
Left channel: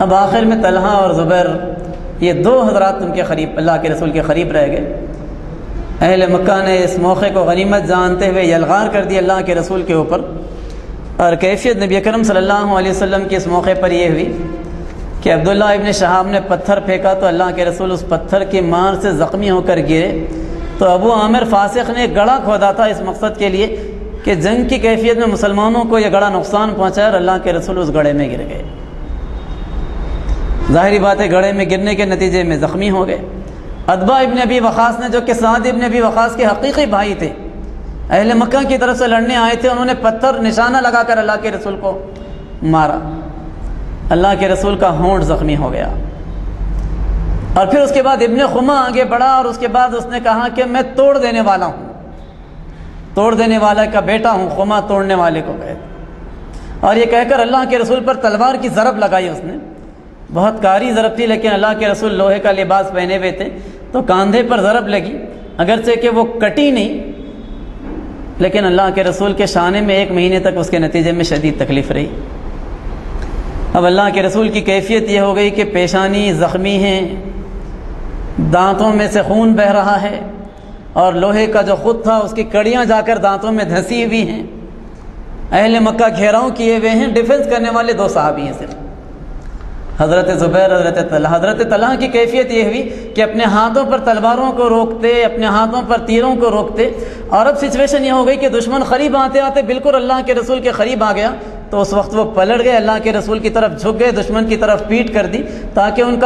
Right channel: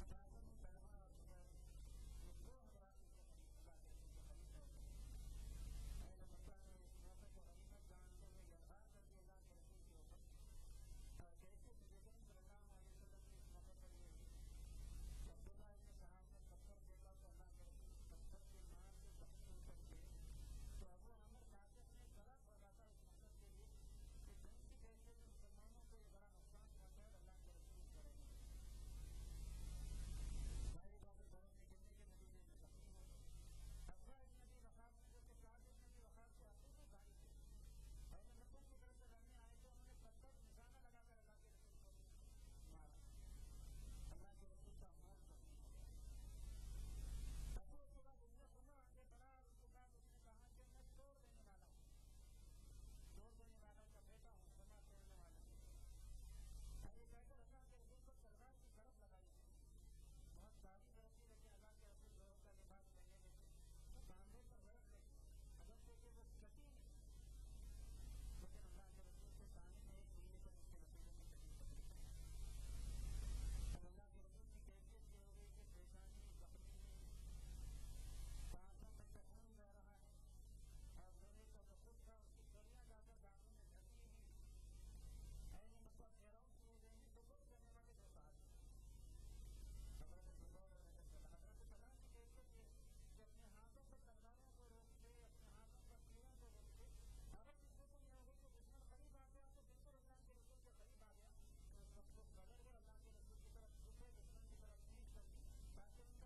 اب آخر میں طلحہ اور زبیر، یہ 2 حضرات ان کے قریب، اللہ کے رسول کے قریب رہ گئے۔ اہل مکہ نے اس موقع کو غنیمت جانتے ہوئے یلغار کر دی اللہ کے رسول کے اوپر، اور کیفیت نبی اکرم صلی اللہ علیہ وسلم کی اس موقع پر یہ ہوئی کہ عبداللہ ابن شہاب نے پتھر پھینکا تو اللہ کے رسول اس پتھر کی مار سے زخمی ہو کر گرے، تو ابو عامر فاسق نے گڑھا کھودا تھا اس مقصد کے لیے کہ جنگ کی کیفیت میں مسلمانوں کو یہ گڑھا نقصان پہنچایا، اور اللہ کے رسول اس گڑھے میں گر گئے۔ ظاہری بات ہے گڑھے میں گرنے کے نتیجے میں زخمی ہو گئے۔ عتبہ ابن ابی وقاص نے، جو کہ سعد ابن ابی وقاص کے حقیقی بھائی تھے، اہل مکہ کی طرف سے لڑنے آئے تھے، انہوں نے پتھر نشانہ لگا کر اللہ کے رسول کو مارا، اللہ کے رسول کا ہونٹ زخمی ہو گیا۔ اور پھر اس کے بعد ابن خما آگے بڑھا اور اس کے بعد اس نے کہا کہ میں توڑ دینے والا ہوں، توڑ دینے والا کا بیٹا ہوں، خما توڑنے والے کو کہے، اور یہ کہہ کر اللہ کے رسول پر تلوار کی ضرب لگائی اس نے۔ بہت کاری ضرب تھی، لیکن اللہ کے رسول لوہے کا لباس پہنے ہوئے تھے تو کاندھے پر ضرب لگی، اگرچہ کہ وہ کٹی نہیں، لیکن اللہ کے رسول کے شانے میں 1 مہینے تک اس کے نتیجے میں شدید تکلیف رہی۔ اب اللہ کے رسول کی کیفیت یہ ہو گئی کہ پیشانی زخمی ہیں، دانتوں میں سے خون بہہ رہا ہے، اور لوہے کا جو خود تھا اس کی کڑیاں جا کر دانتوں میں دھسی ہوئی ہیں۔ اہل مکہ گھیراؤ کیے ہوئے ہیں، ڈیفنس کرنے والے 2 صحابی ہیں صرف، حضرت زبیر، حضرت طلحہ۔ حضرت طلحہ کی کیفیت یہ ہوئی کہ اپنے ہاتھوں پر تلواروں کو روکتے، اپنے ہاتھوں پر تیروں کو روکتے، اور اب سچویشن یہ ہو گئی کہ دشمن قریب آتے آتے بالکل اللہ کے رسول کے قریب آ گیا، تو اس وقت وہ پلٹ گئے، اللہ کے رسول کی طرف جھک گئے، دشمن کی طرف پیٹ کر دی تاکہ ان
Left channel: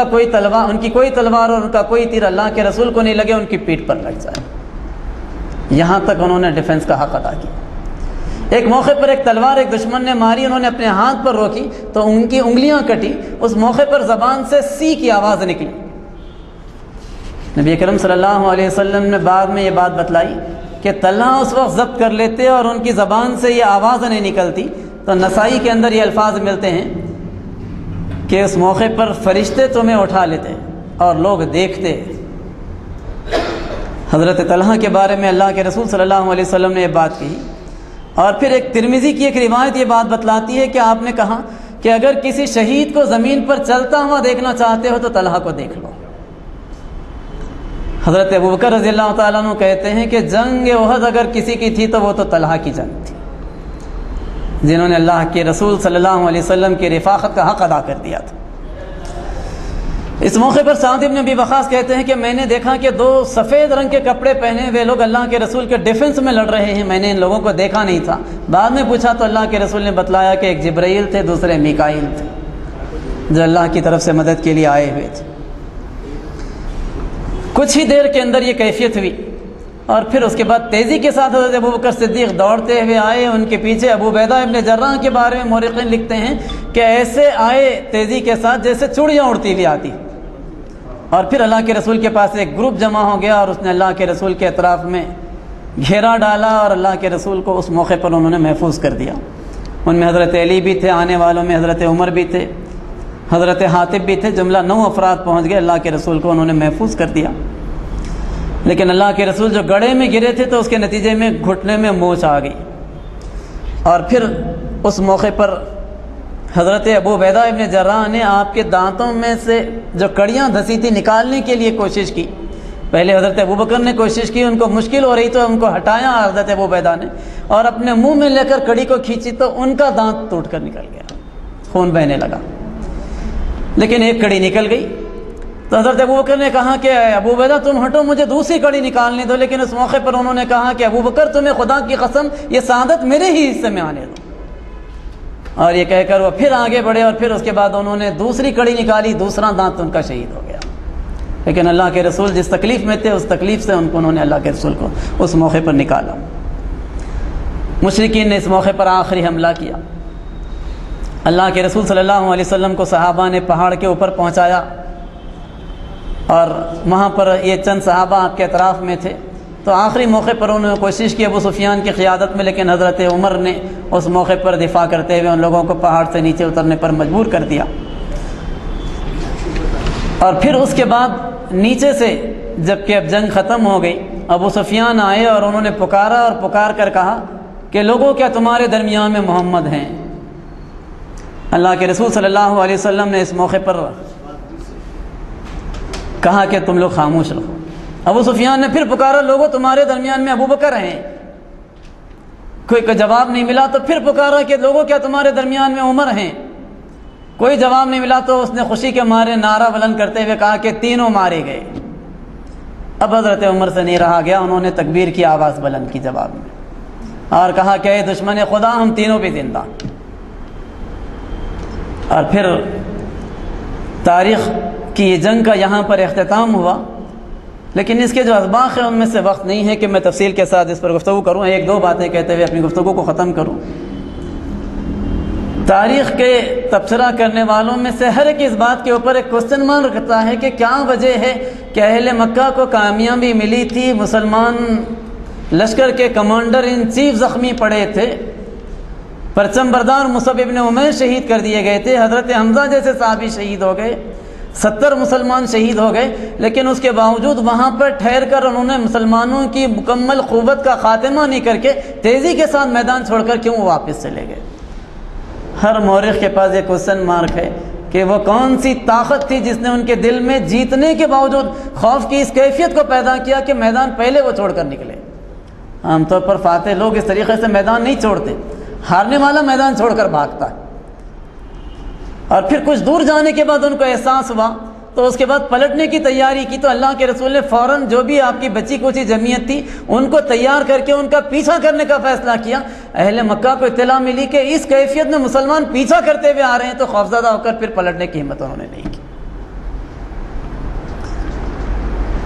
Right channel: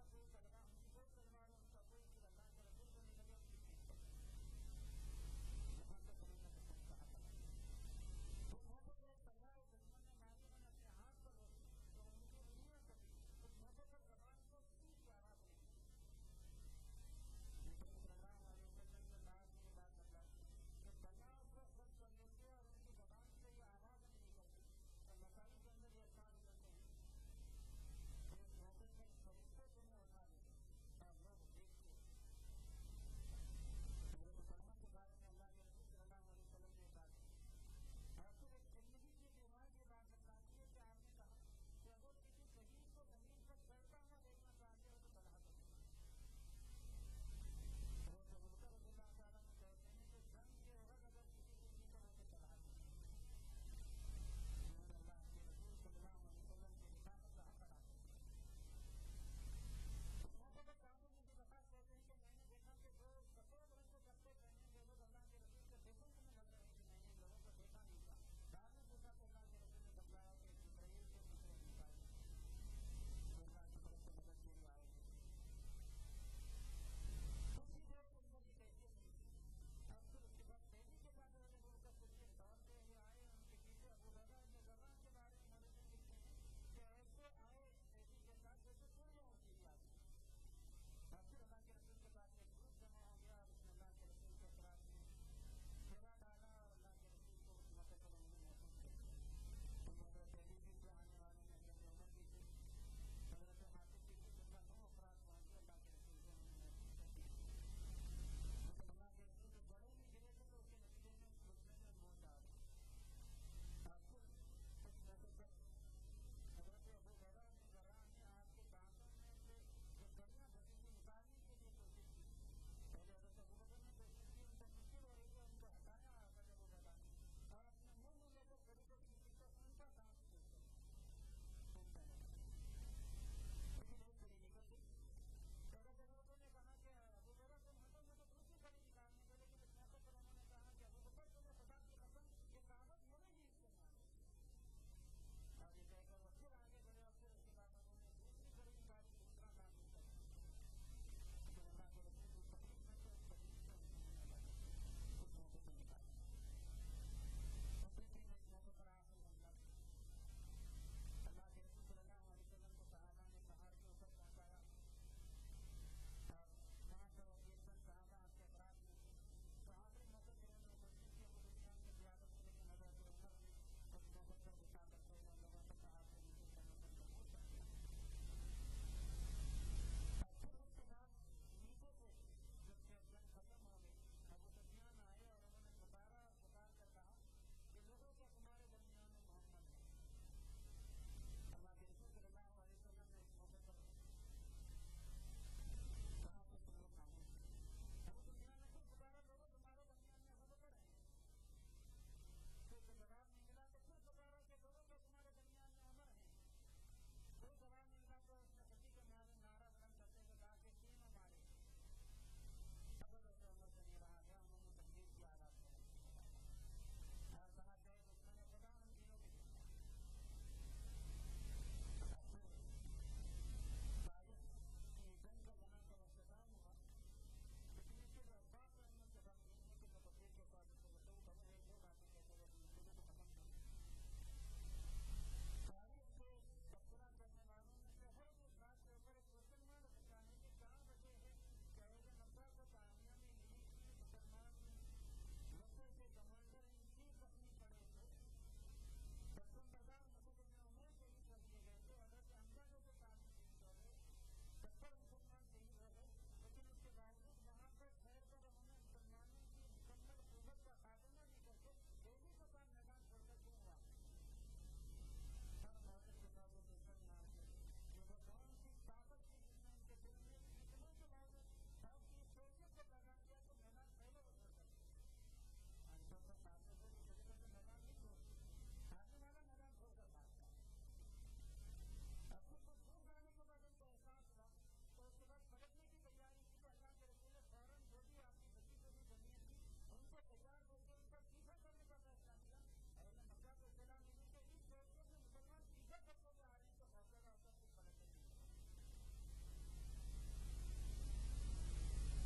کی کوئی تلوار اور ان کا کوئی تیر اللہ کے رسول کو نہیں لگے، ان کی پیٹھ پر لگ جائے۔ یہاں تک انہوں نے ڈیفنس کا حق ادا کیا۔ ایک موقع پر ایک تلوار ایک دشمن نے ماری، انہوں نے اپنے ہاتھ پر روکی تو ان کی انگلیاں کٹی، اس موقع پر زبان سے سی کی آواز نکلی۔ نبی اکرم صلی اللہ علیہ وسلم نے بعد میں یہ بات بتلائی کہ طلحہ اس وقت ضبط کر لیتے اور ان کی زبان سے یہ آواز نہیں نکلتی، تو نسائی کے اندر یہ الفاظ ملتے ہیں کہ اس موقع پر فرشتے تمہیں اٹھا لیتے اور لوگ دیکھتے۔ حضرت طلحہ کے بارے میں اللہ کے رسول صلی اللہ علیہ وسلم نے یہ بات کہی۔ اور پھر ایک ترمذی کی ایک روایت یہ بات بتلاتی ہے کہ آپ نے کہا کہ اگر کسی شہید کو زمین پر چلتا ہوا دیکھنا چاہتے ہو تو طلحہ کو دیکھ لو۔ حضرت ابوبکر رضی اللہ تعالیٰ عنہ کہتے ہیں کہ جنگ احد اگر کسی کی تھی تو وہ تو طلحہ کی جنگ تھی، جنہوں نے اللہ کے رسول صلی اللہ علیہ وسلم کی رفاقت کا حق ادا کر دیا تھا۔ اس موقع پر سعد بن ابی وقاص کہتے ہیں کہ میں نے دیکھا کہ دو سفید رنگ کے کپڑے پہنے ہوئے لوگ اللہ کے رسول کے ڈیفنس میں لڑ رہے ہیں، میں نے ان لوگوں کو دیکھا نہیں تھا۔ بعد میں پوچھا تو اللہ کے رسول نے بتلایا کہ ایک جبرائیل تھے، دوسرے میکائیل تھے، جو اللہ کی طرف سے مدد کے لیے آئے ہوئے تھے۔ کچھ ہی دیر کے اندر یہ کیفیت ہوئی، اور پھر اس کے بعد تیزی کے ساتھ حضرت ابوبکر صدیق دوڑتے ہوئے آئے، ان کے پیچھے ابو عبیدہ ابن جراح کے بارے میں مورخین لکھتے ہیں کہ ایسے آئے تیزی کے ساتھ جیسے چڑیاں اڑتی ہوئی آتی، اور پھر اللہ کے رسول کے پاس ایک گروپ جمع ہو گیا اور اس نے اللہ کے رسول کے اطراف میں گھیرا ڈالا، اور اللہ کے رسول کو اس موقع پر انہوں نے محفوظ کر دیا۔ ان میں حضرت علی بھی تھے، آنے والوں میں حضرت عمر بھی تھے، حضرت حاتب بھی تھے، جملہ 9 افراد پہنچ گئے، اللہ کے رسول کو انہوں نے محفوظ کر دیا۔ لیکن اللہ کے رسول جو گڑھے میں گرے تھے تو اس کے نتیجے میں گھٹنے میں موچ آ گئی، اور پھر اس موقع پر حضرت ابو عبیدہ ابن جراح نے آپ کے دانتوں میں سے جو کڑیاں دھسی تھی نکالنے کے لیے کوشش کی۔ پہلے حضرت ابوبکر نے کوشش کی، ان کو مشکل ہو رہی تو ان کو ہٹایا حضرت ابو عبیدہ نے، اور اپنے منہ میں لے کر کڑی کو کھینچی تو ان کا دانت ٹوٹ کر نکل گیا، خون بہنے لگا، لیکن ایک کڑی نکل گئی۔ تو حضرت ابوبکر نے کہا کہ ابو عبیدہ تم ہٹو، مجھے دوسری کڑی نکالنے دو، لیکن اس موقع پر انہوں نے کہا کہ ابوبکر تمہیں خدا کی قسم یہ سعادت میرے ہی حصے میں آنے دو، اور یہ کہہ کر وہ پھر آگے بڑھے، اور پھر اس کے بعد انہوں نے دوسری کڑی نکالی، دوسرا دانت ان کا شہید ہو گیا۔ لیکن اللہ کے رسول جس تکلیف میں تھے اس تکلیف سے انہوں نے اللہ کے رسول کو اس موقع پر نکالا۔ مشرکین نے اس موقع پر آخری حملہ کیا، اللہ کے رسول صلی اللہ علیہ وسلم کو صحابہ نے پہاڑ کے اوپر پہنچایا، اور وہاں پر یہ چند صحابہ آپ کے اطراف میں تھے، تو آخری موقع پر انہوں نے کوشش کی ابو سفیان کی قیادت میں، لیکن حضرت عمر نے اس موقع پر دفاع کرتے ہوئے ان لوگوں کو پہاڑ سے نیچے اترنے پر مجبور کر دیا۔ اور پھر اس کے بعد نیچے سے جب کہ اب جنگ ختم ہو گئی، ابو سفیان آئے اور انہوں نے پکارا اور پکار کر کہا کہ لوگوں کیا تمہارے درمیان میں محمد ہیں؟ اللہ کے رسول صلی اللہ علیہ وسلم نے اس موقع پر کہا کہ تم لوگ خاموش رہو۔ ابو سفیان نے پھر پکارا لوگوں تمہارے درمیان میں ابوبکر ہیں، کوئی جواب نہیں ملا، تو پھر پکارا کہ لوگوں کیا تمہارے درمیان میں عمر ہیں، کوئی جواب نہیں ملا، تو اس نے خوشی کے مارے نعرہ بلند کرتے ہوئے کہا کہ تینوں مارے گئے۔ اب حضرت عمر سے نہیں رہا گیا، انہوں نے تکبیر کی آواز بلند کی جواب میں، اور کہا کہ اے دشمن خدا ہم تینوں بھی زندہ۔ اور پھر تاریخ کی یہ جنگ کا یہاں پر اختتام ہوا، لیکن اس کے جو اسباق ہیں ان میں سے وقت نہیں ہے کہ میں تفصیل کے ساتھ اس پر گفتگو کروں، ایک دو باتیں کہتے ہوئے اپنی گفتگو کو ختم کروں۔ تاریخ کے تبصرہ کرنے والوں میں سے ہر ایک اس بات کے اوپر ایک کوسچن مارک رکھتا ہے کہ کیا وجہ ہے کہ اہل مکہ کو کامیابی ملی تھی، مسلمان لشکر کے کمانڈر ان چیف زخمی پڑے تھے، پرچم بردار مصعب ابن عمیر شہید کر دیے گئے تھے، حضرت حمزہ جیسے صحابی شہید ہو گئے، 70 مسلمان شہید ہو گئے، لیکن اس کے باوجود وہاں پر ٹھہر کر انہوں نے مسلمانوں کی مکمل قوت کا خاتمہ نہیں کر کے تیزی کے ساتھ میدان چھوڑ کر کیوں واپس چلے گئے؟ ہر مورخ کے پاس ایک کوسچن مارک ہے کہ وہ کون سی طاقت تھی جس نے ان کے دل میں جیتنے کے باوجود خوف کی اس کیفیت کو پیدا کیا کہ میدان پہلے وہ چھوڑ کر نکلے۔ عام طور پر فاتح لوگ اس طریقے سے میدان نہیں چھوڑتے، ہارنے والا میدان چھوڑ کر بھاگتا ہے، اور پھر کچھ دور جانے کے بعد ان کو احساس ہوا تو اس کے بعد پلٹنے کی تیاری کی، تو اللہ کے رسول نے فوراً جو بھی آپ کی بچی کچی جمعیت تھی ان کو تیار کر کے ان کا پیچھا کرنے کا فیصلہ کیا۔ اہل مکہ کو اطلاع ملی کہ اس کیفیت میں مسلمان پیچھا کرتے ہوئے آ رہے ہیں، تو خوفزدہ ہو کر پھر پلٹنے کی ہمت انہوں نے نہیں کی۔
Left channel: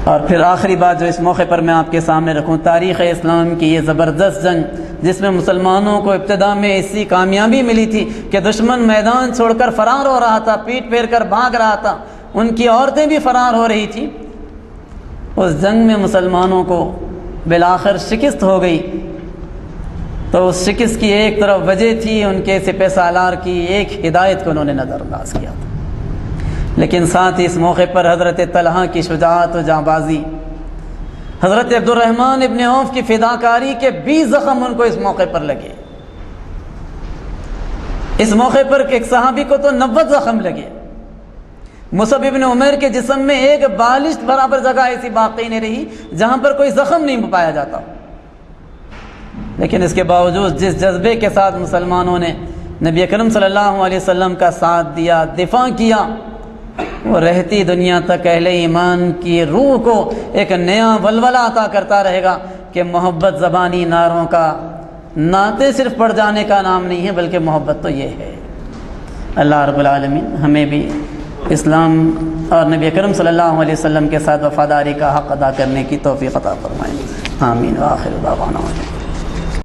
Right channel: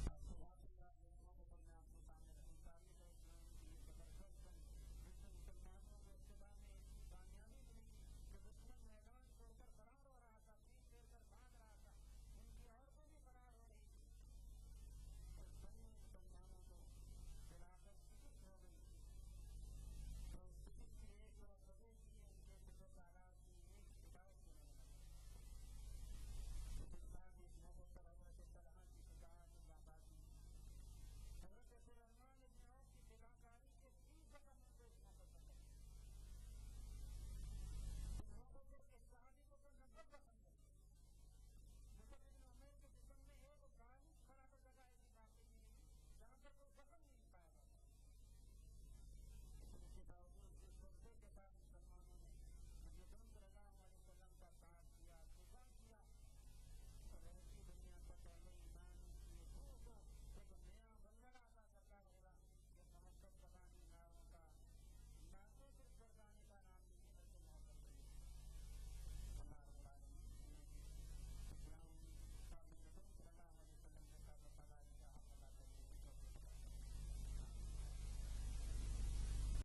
اور پھر آخری بات جو اس موقع پر میں آپ کے سامنے رکھوں، تاریخ اسلام کی یہ زبردست جنگ جس میں مسلمانوں کو ابتدا میں ایسی کامیابی ملی تھی کہ دشمن میدان چھوڑ کر فرار ہو رہا تھا، پیٹ پھیر کر بھاگ رہا تھا، ان کی عورتیں بھی فرار ہو رہی تھیں، اس جنگ میں مسلمانوں کو بالآخر شکست ہو گئی، تو اس شکست کی ایک طرف وجہ تھی ان کے سپہ سالار کی ایک ہدایت کو انہوں نے نظر انداز کیا تھا، لیکن ساتھ ہی اس موقع پر حضرت طلحہ کی شجاعت و جانبازی، حضرت عبد الرحمن ابن عوف کی فداکاری کے 20 زخم ان کو اس موقع پر لگے۔ اس موقع پر ایک صحابی کو تو 90 زخم لگے۔ مصعب ابن عمیر کے جسم میں ایک بالشت برابر جگہ ایسی باقی نہیں رہی جہاں پر کوئی زخم نہیں پایا جاتا، لیکن اس کے باوجود جس جذبے کے ساتھ مسلمانوں نے نبی اکرم صلی اللہ علیہ وسلم کا ساتھ دیا، دفاع کیا، وہ رہتی دنیا تک اہل ایمان کی روح کو ایک نیا ولولہ عطا کرتا رہے گا کہ محبت زبانی نعروں کا، نعتیں صرف پڑھ جانے کا نام نہیں ہے، بلکہ محبت تو یہ ہے۔ اللہ رب العالمین ہمیں بھی اسلام اور نبی اکرم صلی اللہ علیہ وسلم کے ساتھ وفاداری کا حق ادا کرنے کی توفیق عطا فرمائے۔ آمین۔ وآخر دعوانا